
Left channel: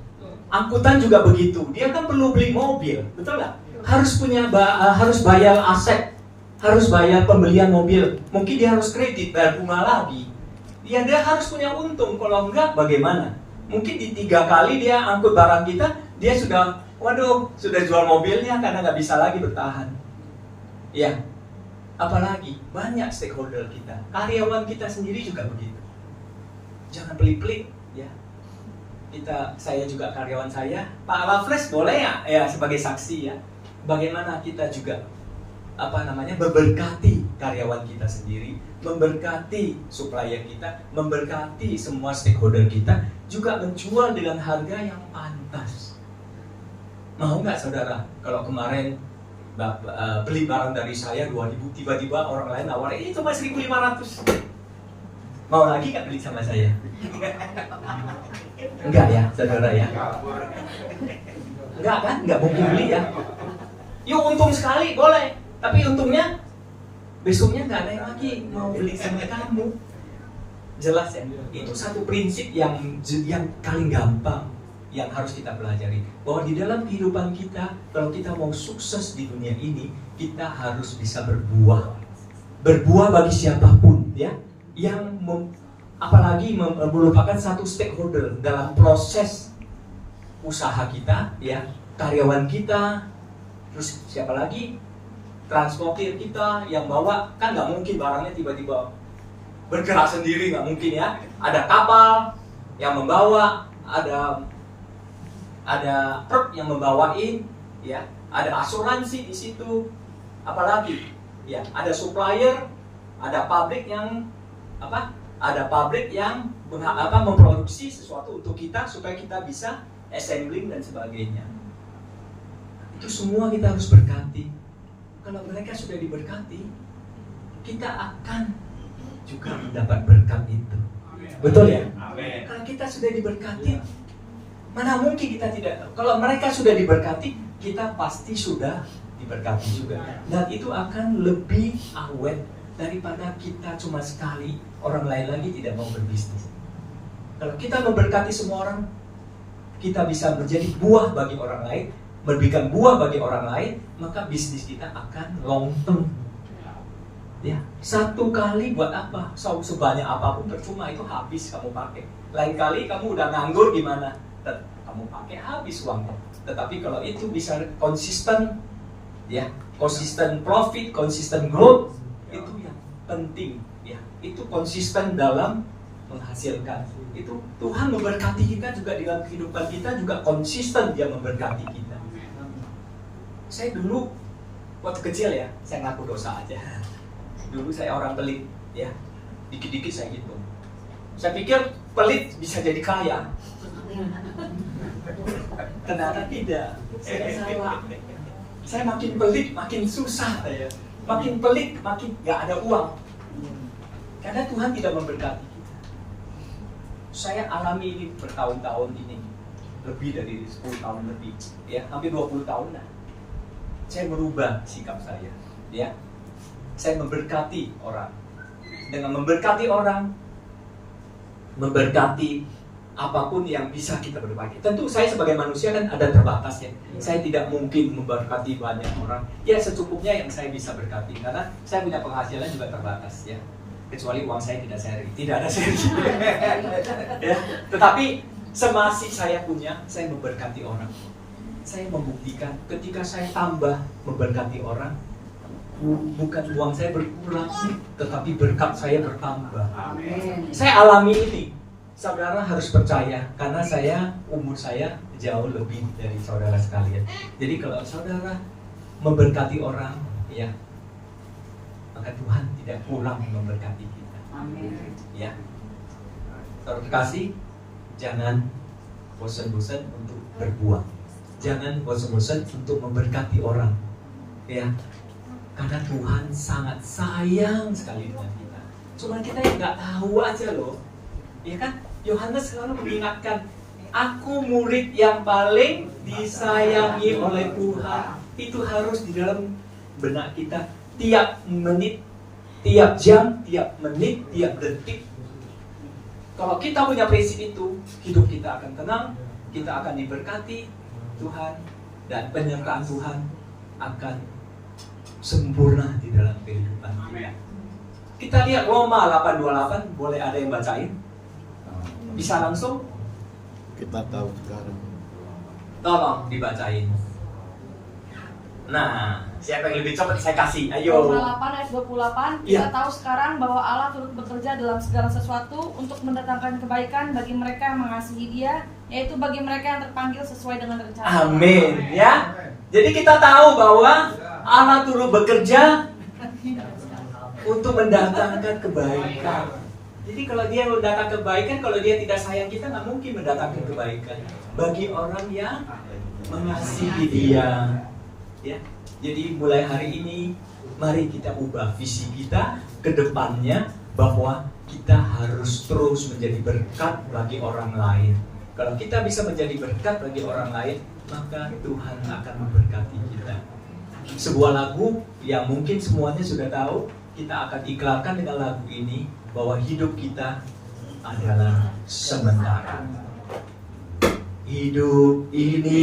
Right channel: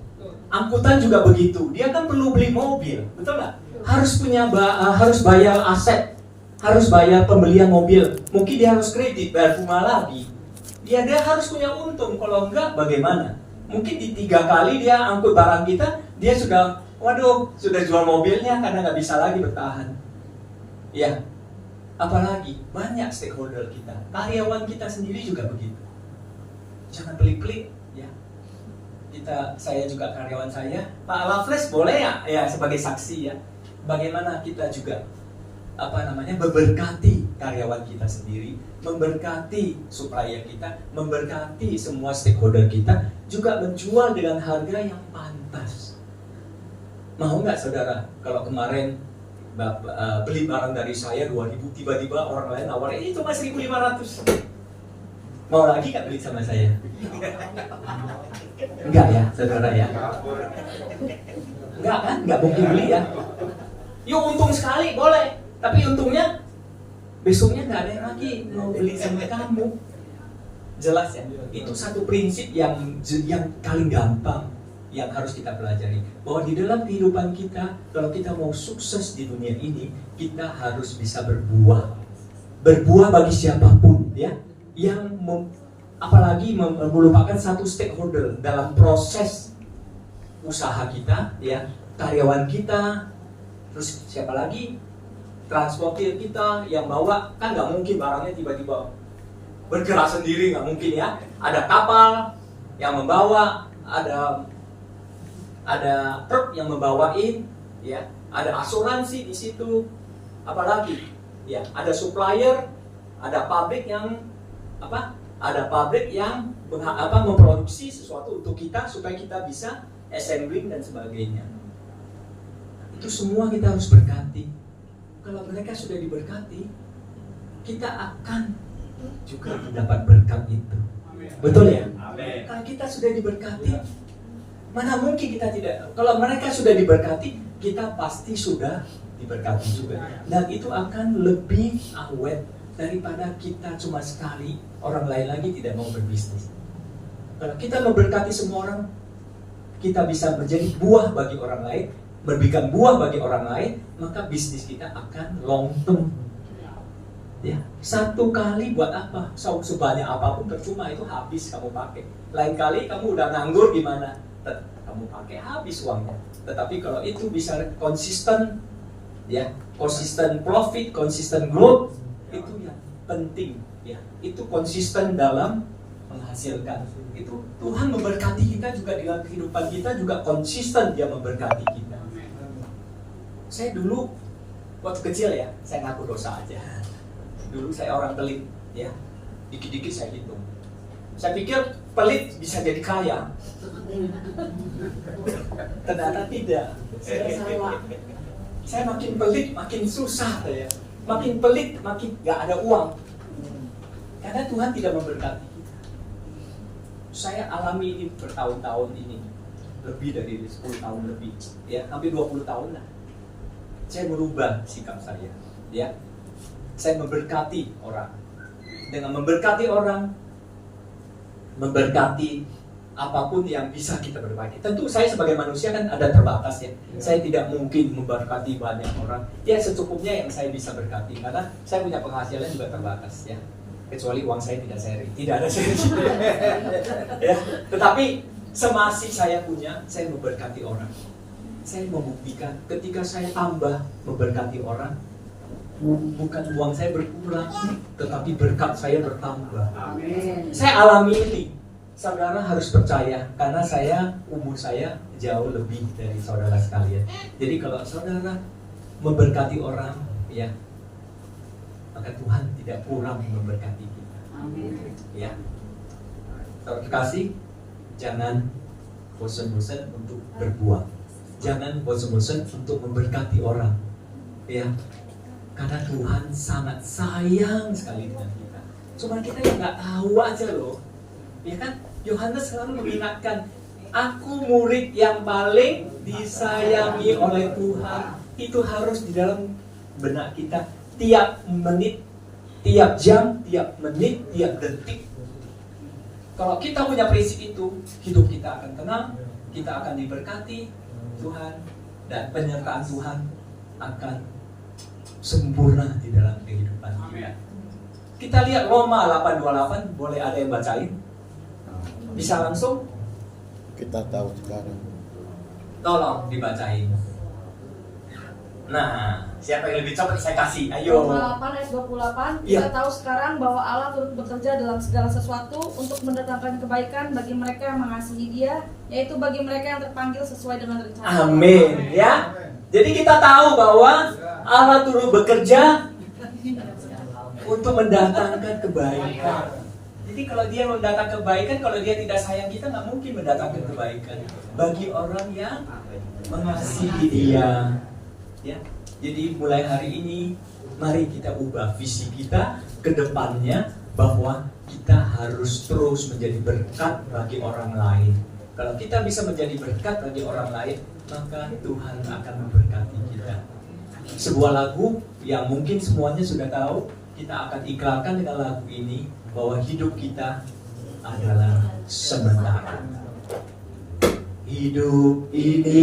Angkutan juga begitu. Dia kan perlu beli mobil, betul nggak? Harus bayar aset, harus bayar pembelian mobil. Mungkin dia harus kredit, bayar bunga lagi. Dia harus punya untung. Kalau enggak, bagaimana? Mungkin di 3 kali dia angkut barang kita, dia sudah jual mobilnya karena nggak bisa lagi bertahan. Ya, apalagi banyak stakeholder kita, karyawan kita sendiri juga begitu. Jangan pelit-pelit, ya. Saya juga karyawan saya, Pak Lafres boleh ya sebagai saksi ya. Bagaimana kita juga memberkati karyawan kita sendiri, memberkati supplier kita, memberkati semua stakeholder kita, juga menjual dengan harga yang pantas. Mau nggak saudara, kalau kemarin beli barang dari saya 2.000, tiba-tiba orang lain nawarin ini cuma 1.500. Mau lagi nggak beli sama saya? Enggak ya, saudara ya? Enggak kan? Enggak mungkin beli ya? Yuk untung sekali, boleh. Tapi untungnya besoknya nggak ada yang lagi mau beli sama kamu. Jelas ya? Itu satu prinsip yang paling gampang yang harus kita pelajari. Bahwa di dalam kehidupan kita, kalau kita mau sukses di dunia ini, kita harus bisa berbuah. Berbuah bagi siapapun, ya. Apalagi merupakan satu stakeholder dalam proses usaha kita, ya. Karyawan kita, terus siapa lagi? Transportir kita yang bawa, kan nggak mungkin barangnya tiba-tiba bergerak sendiri, nggak mungkin ya. Ada kapal yang membawa, ada truk yang membawain, ya, ada asuransi di situ, apalagi, ya, ada supplier, ada pabrik yang memproduksi sesuatu untuk kita supaya kita bisa assembling dan sebagainya. Itu semua kita harus berkati. Kalau mereka sudah diberkati, kita akan juga mendapat berkat itu. Betul ya? Amin. Kalau kita sudah diberkati, mana mungkin kita tidak? Kalau mereka sudah diberkati, kita pasti sudah diberkati juga. Dan itu akan lebih awet daripada kita cuma sekali, orang lain lagi tidak mau berbisnis. Kalau kita memberkati semua orang, kita bisa menjadi buah bagi orang lain, memberikan buah bagi orang lain, maka bisnis kita akan long term. Ya, satu kali buat apa? Sebanyak apapun percuma, itu habis kamu pakai. Lain kali kamu udah nganggur gimana? Kamu pakai habis uangnya. Tetapi kalau itu bisa konsisten, ya, konsisten profit, konsisten growth, itu yang penting, ya. Itu konsisten dalam menghasilkan. Itu Tuhan memberkati kita juga dalam kehidupan kita, juga konsisten Dia memberkati kita. Saya dulu waktu kecil, ya, saya ngaku dosa aja. Dulu saya orang pelit, ya, dikit-dikit saya hitung. Saya pikir pelit bisa jadi kaya. Ternyata tidak. Saya salah. Saya makin pelit makin susah, ya. Makin pelit makin gak ada uang. Karena Tuhan tidak memberkati kita. Saya alami ini bertahun-tahun ini, lebih dari 10 tahun lebih, ya, hampir 20 tahun lah. Saya merubah sikap saya, ya. Saya memberkati orang. Dengan memberkati orang, memberkati apapun yang bisa kita berbagi. Tentu saya sebagai manusia kan ada terbatas, ya. Saya tidak mungkin memberkati banyak orang. Ya, secukupnya yang saya bisa berkati, karena saya punya penghasilan juga terbatas, ya. Kecuali uang saya tidak ada seri. Ya. Tetapi semasih saya punya, saya memberkati orang. Saya membuktikan ketika saya tambah memberkati orang, bukan uang saya berkurang, tetapi berkat saya bertambah. Amin. Saya alami ini. Saudara harus percaya, karena umur saya jauh lebih dari saudara sekalian. Jadi kalau saudara memberkati orang, ya, maka Tuhan tidak kurang memberkati kita. Amin. Ya. Saudara kekasih, jangan bosan-bosan untuk berbuat. Jangan bosan-bosan untuk memberkati orang. Ya. Karena Tuhan sangat sayang sekali dengan kita. Cuma kita yang nggak tahu aja loh. Ya kan? Yohanes selalu mengingatkan, aku murid yang paling disayangi oleh Tuhan. Itu harus di dalam benak kita. Tiap menit, tiap jam, tiap menit, tiap detik. Kalau kita punya prinsip itu, hidup kita akan tenang, kita akan diberkati Tuhan, dan penyertaan Tuhan akan sempurna di dalam kehidupan kita. Kita lihat Roma 8:28, boleh ada yang bacain? Bisa langsung? Kita tahu sekarang. Tolong dibacain. Nah, siapa yang lebih cepat saya kasih? Ayo. Roma 8 ayat 28, Iya. kita tahu sekarang bahwa Allah turut bekerja dalam segala sesuatu untuk mendatangkan kebaikan bagi mereka yang mengasihi Dia, yaitu bagi mereka yang terpanggil sesuai dengan rencana. Amin, ya. Jadi kita tahu bahwa Allah turut bekerja untuk mendatangkan kebaikan. Jadi kalau Dia mendatangkan kebaikan, kalau Dia tidak sayang kita, nggak mungkin mendatangkan kebaikan bagi orang yang mengasihi Dia. Ya. Jadi mulai hari ini, mari kita ubah visi kita ke depannya, bahwa kita harus terus menjadi berkat bagi orang lain. Kalau kita bisa menjadi berkat bagi orang lain, maka Tuhan akan memberkati kita. Sebuah lagu yang mungkin semuanya sudah tahu, kita akan iklankan dengan lagu ini, bahwa hidup kita adalah sementara. Hidup ini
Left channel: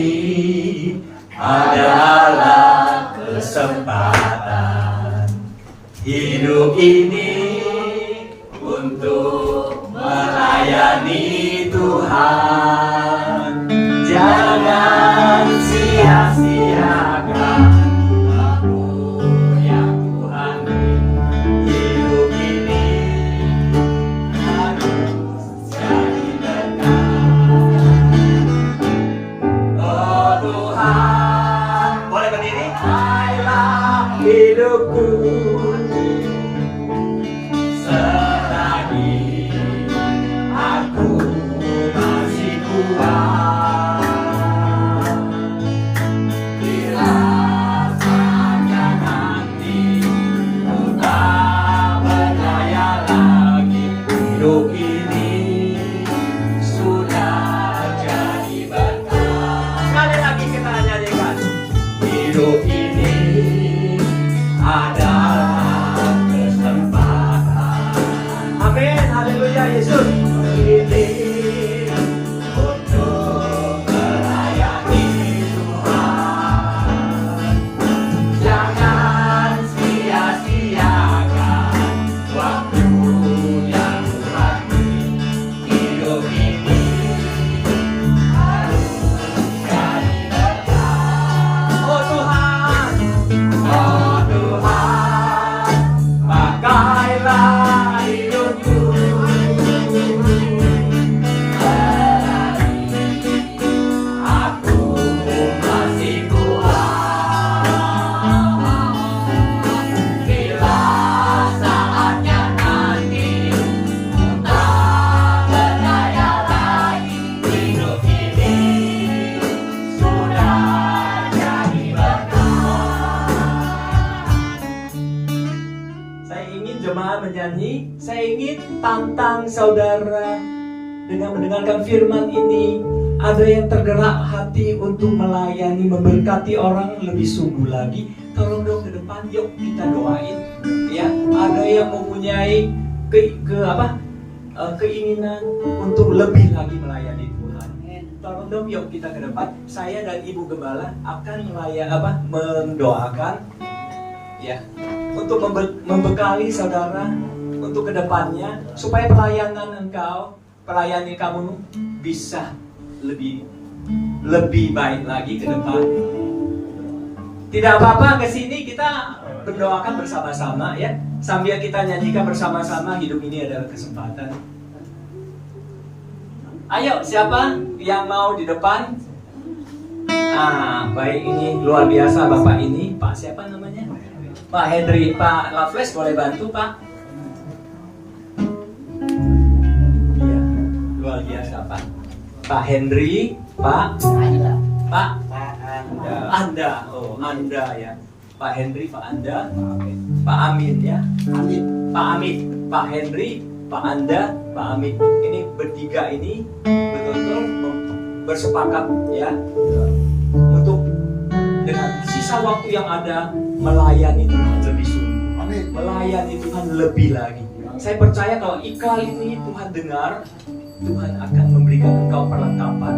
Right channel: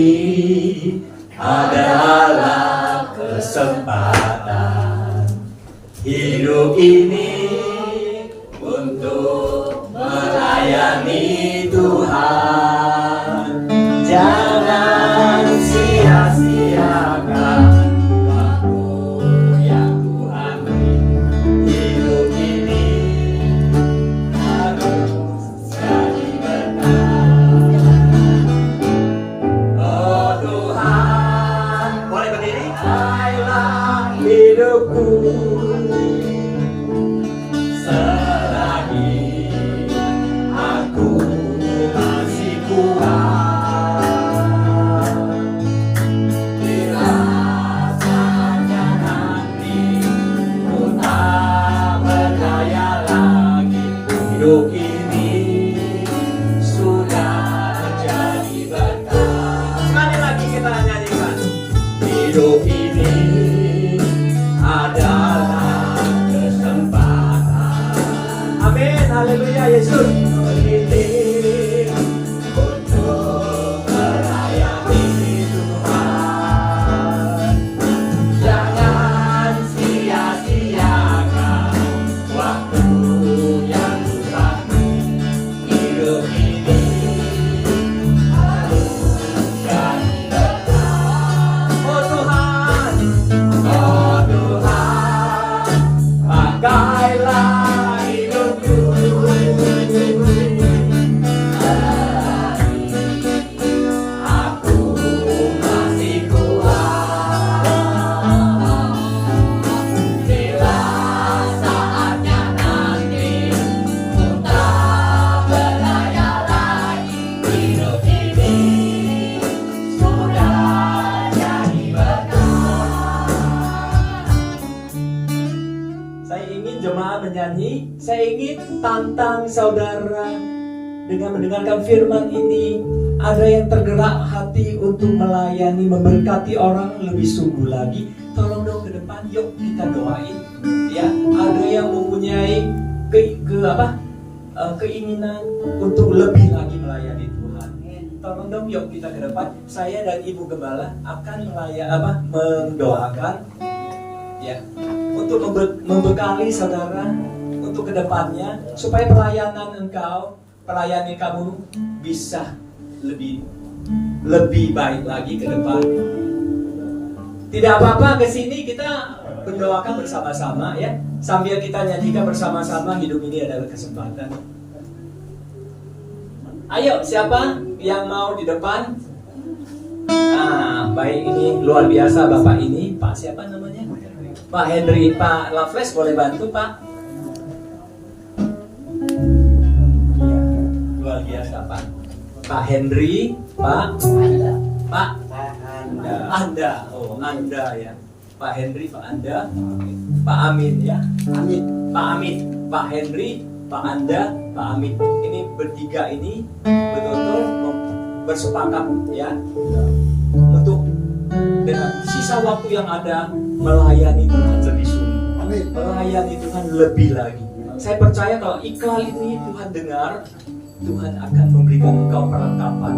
adalah kesempatan. Hidup ini untuk melayani Tuhan. Jangan sia-siakan waktu yang Tuhan beri. Hidup ini hidupku. Selagi aku masih kuat, dirasakan hati ku tak berdaya lagi. Hidup ini sudah jadi berkah. Sekali lagi kita nyanyikan. Hidup ini adalah kesempatan. Amin, haleluya Yesus. Ini untuk melayani Tuhan. Jangan sia-siakan waktu yang Tuhan beri. Hidup ini harus jadi berkah. Oh Tuhan, pakailah hidupku. Aku masih kuat. Bila saatnya nanti ku tak berdaya lagi. Hidup ini sudah jadi berkah. Saya ingin jemaat menyanyi. Saya ingin tantang saudara dengan mendengarkan firman ini. Ada yang tergerak hati untuk melayani, memberkati orang lebih sungguh lagi. Tolong dong ke depan, yuk kita doain. Ya, ada yang mempunyai keinginan untuk lebih lagi melayani Tuhan. Tolong dong, yuk kita ke depan. Saya dan Ibu Gembala akan mendoakan, ya, untuk membekali saudara untuk kedepannya supaya pelayanan kamu bisa lebih baik lagi ke depan. Tidak apa-apa, ke sini kita berdoakan bersama-sama ya, sambil kita nyanyikan bersama-sama. Hidup ini adalah kesempatan. Ayo, siapa yang mau di depan? Baik, ini luar biasa Bapak ini. Pak siapa namanya? Pak Henry. Pak Loveless boleh bantu Pak? Iya, luar biasa Pak. Pak Henry, Pak Anda, oh Anda ya. Pak Henry, Pak Anda, Pak Amin ya. Pak Amin, Pak Henry, Pak Anda, Pak Amin. Ini bertiga ini betul-betul bersepakat ya untuk dengan sisa waktu yang ada melayani Tuhan lebih sungguh, melayani Tuhan lebih lagi. Saya percaya kalau iklan ini Tuhan dengar, Tuhan akan memberikan engkau perlengkapan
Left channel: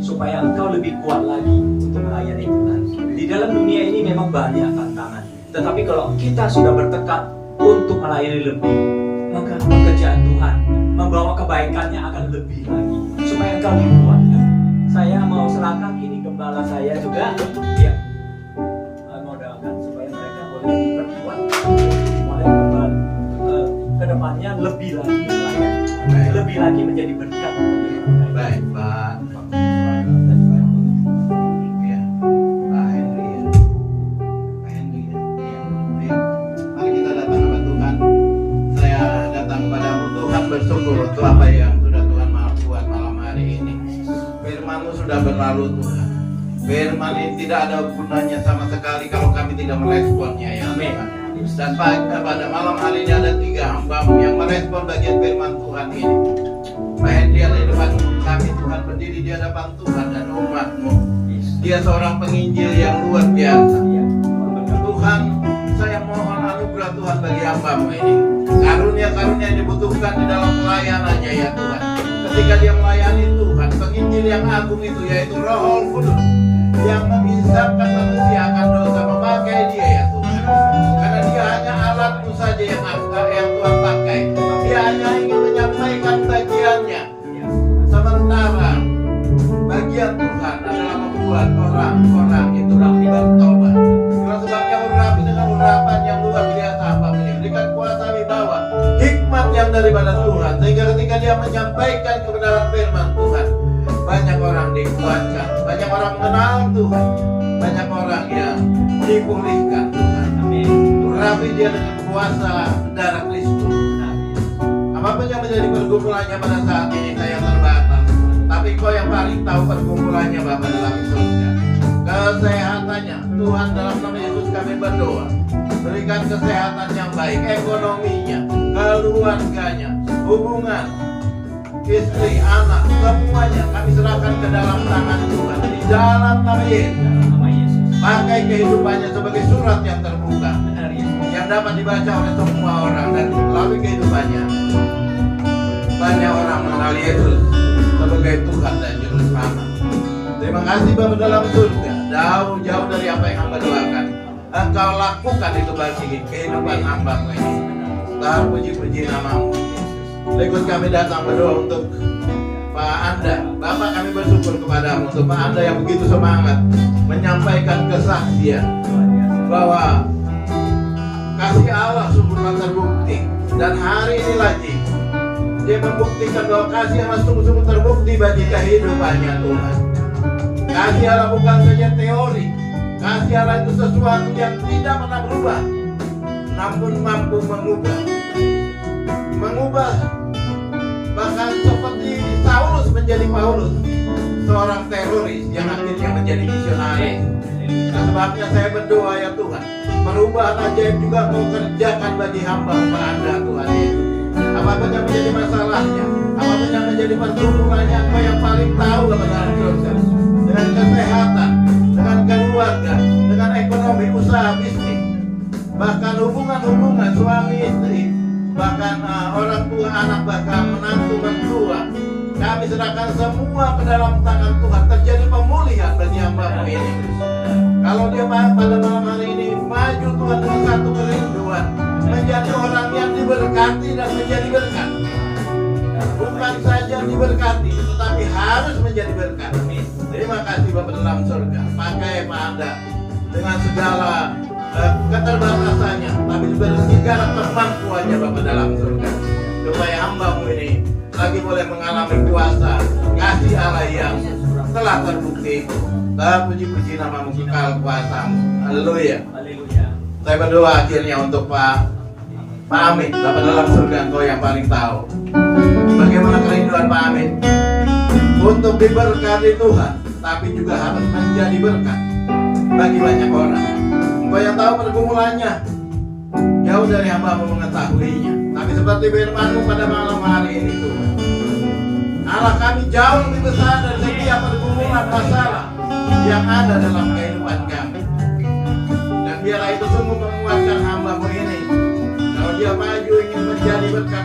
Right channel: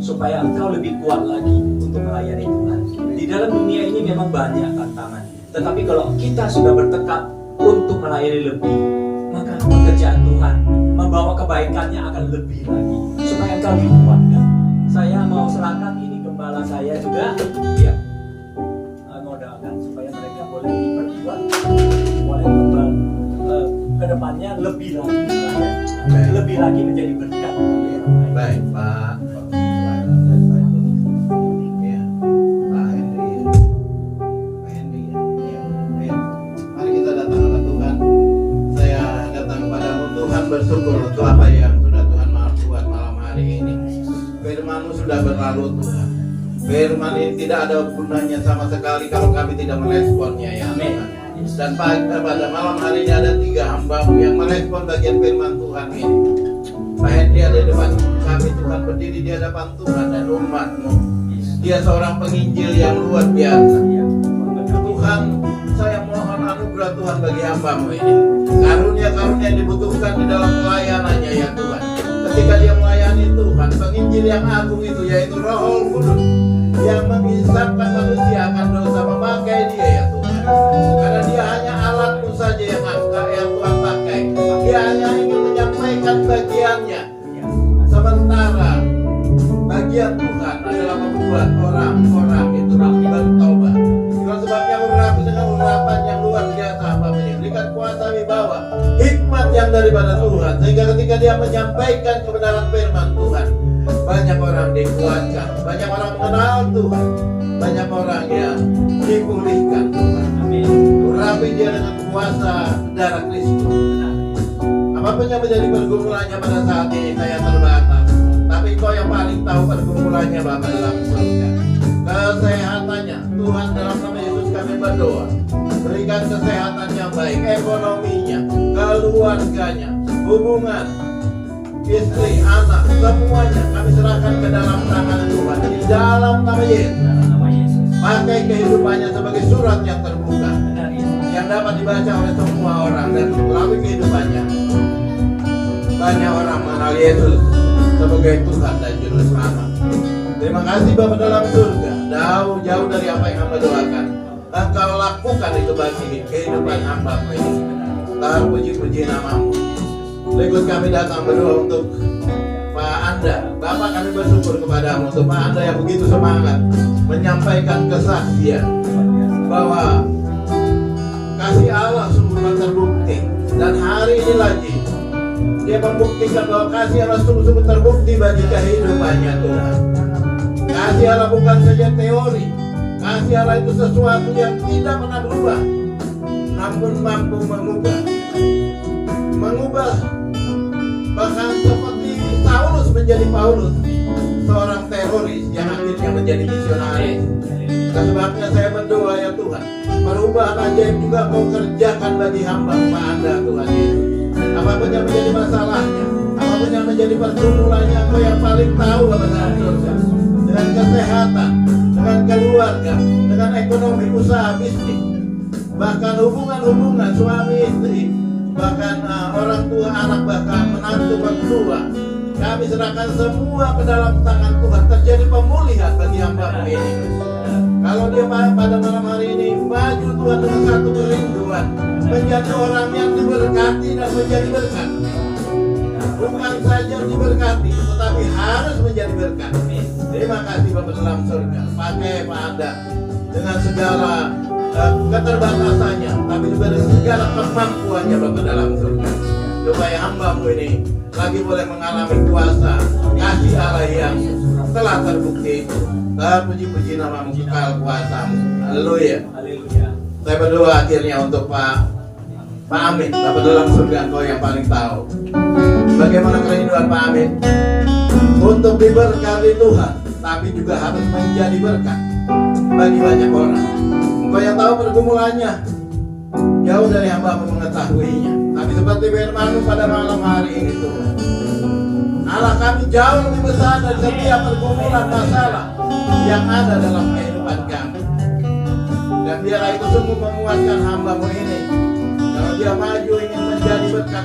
supaya engkau lebih kuat lagi untuk melayani Tuhan. Di dalam dunia ini memang banyak tantangan, tetapi kalau kita sudah bertekad untuk melayani lebih, maka pekerjaan Tuhan membawa kebaikannya akan lebih lagi supaya engkau dikuatkan. Saya mau serahkan ini gembala saya juga, ya, mau doakan supaya mereka boleh diperkuat, boleh ke depannya lebih lagi melayani, lebih lagi menjadi berkat. Baik, Pak. Ya, Pak Henry ya. Pak Henry ya. Ya. Ayo, mari kita datang kepada Tuhan. Saya datang padamu Tuhan, bersyukur untuk apa yang sudah Tuhan mau buat malam hari ini. Firman-Mu sudah berlalu Tuhan. Firman ini tidak ada gunanya sama sekali kalau kami tidak meresponnya ya. Amin. Dan pada malam hari ini ada 3 hamba-Mu yang merespon bagian firman Tuhan ini. Pak Henry ada di depan kami Tuhan, berdiri di hadapan Tuhan dan umat-Mu. Dia seorang penginjil yang luar biasa. Tuhan, saya mohon anugerah Tuhan bagi hamba-Mu ini. Karunia-karunia yang dibutuhkan di dalam pelayanannya ya Tuhan. Ketika dia melayani Tuhan, penginjil yang agung itu yaitu Roh Kudus yang memisahkan manusia akan dosa, memakai dia ya Tuhan. Karena dia hanya alat-Mu saja yang Tuhan pakai. Dia hanya ingin menyampaikan bagiannya. Sementara bagian Tuhan adalah membuat orang-orang itu bertobat. Itulah sebabnya urapi dengan urapan yang luar biasa Bapak ini. Berikan kuasa wibawa, hikmat yang daripada Tuhan, sehingga ketika dia menyampaikan kebenaran firman Tuhan, banyak orang dikuatkan, banyak orang mengenal Tuhan, banyak orang yang dipulihkan Tuhan. Amin. dia dengan kuasa darah Kristus. Apapun yang menjadi pergumulannya pada saat ini saya terbatas, tapi Engkau yang paling tahu pergumulannya Bapa dalam surga. Kesehatannya Tuhan, dalam nama Yesus kami berdoa, berikan kesehatan yang baik, ekonominya, keluarganya, hubungan istri, anak, semuanya kami serahkan ke dalam tangan Tuhan. Di dalam nama Yesus, pakai kehidupannya sebagai surat yang terbuka, yang dapat dibaca oleh semua orang, dan melalui kehidupannya banyak orang mengenal Yesus sebagai Tuhan dan Juru Selamat. Terima kasih Bapa dalam surga, jauh-jauh dari apa yang hamba doakan, Engkau lakukan itu bagi kehidupan hamba-Mu ini. Terpuji-puji nama-Mu. Berikut kami datang berdoa untuk Pak Anda. Bapak, kami bersyukur kepadamu untuk Pak Anda yang begitu semangat menyampaikan kesaksian bahwa kasih Allah sungguh terbukti, dan hari ini lagi dia membuktikan bahwa kasih Allah sungguh terbukti bagi kehidupannya Tuhan. Kasih Allah bukan saja teori, kasih Allah itu sesuatu yang tidak pernah berubah, namun mampu mengubah bahkan seperti Saulus menjadi Paulus, seorang teroris yang akhirnya menjadi misionaris. Sebabnya saya berdoa ya Tuhan, perubahan ajaib juga Kau kerjakan bagi hamba Anda Tuhan Yesus. Apapun yang menjadi masalahnya, apapun yang menjadi pergumulannya, Kau yang paling tahu dalam proses. Dengan kesehatan, dengan keluarga, dengan ekonomi, usaha, bisnis, bahkan hubungan suami istri, bahkan orang tua anak, bahkan menantu berdua, kami serahkan semua ke dalam tangan Tuhan. Terjadi pemulihan bagi hamba-Mu ini. Kalau dia pada malam hari ini maju Tuhan dengan satu kerinduan, menjadi orang yang diberkati dan menjadi berkat. Bukan saja diberkati, tetapi harus menjadi berkat. Terima kasih Bapa dalam surga. Pakai Pak Anda dengan segala keterbatasannya, tapi juga dengan segala kemampuannya Bapa dalam surga, supaya hamba-Mu ini lagi boleh mengalami kuasa kasih Allah yang telah terbukti. Terpuji-puji nama-Mu, kekal kuasa-Mu. Haleluya. Saya berdoa akhirnya untuk Pak Amin. Bapa dalam surga, Engkau yang paling tahu bagaimana kerinduan Pak Amin untuk diberkati Tuhan, tapi juga harus menjadi berkat bagi banyak orang. Engkau yang tahu pergumulannya, jauh dari hamba-Mu mengetahuinya. Tapi seperti firman-Mu pada malam hari ini Tuhan, Allah kami jauh lebih besar dari setiap pergumulan masalah yang ada dalam kehidupan kami. Dan biarlah itu sungguh menguatkan hamba-Mu ini, kalau dia maju ingin menjadi berkat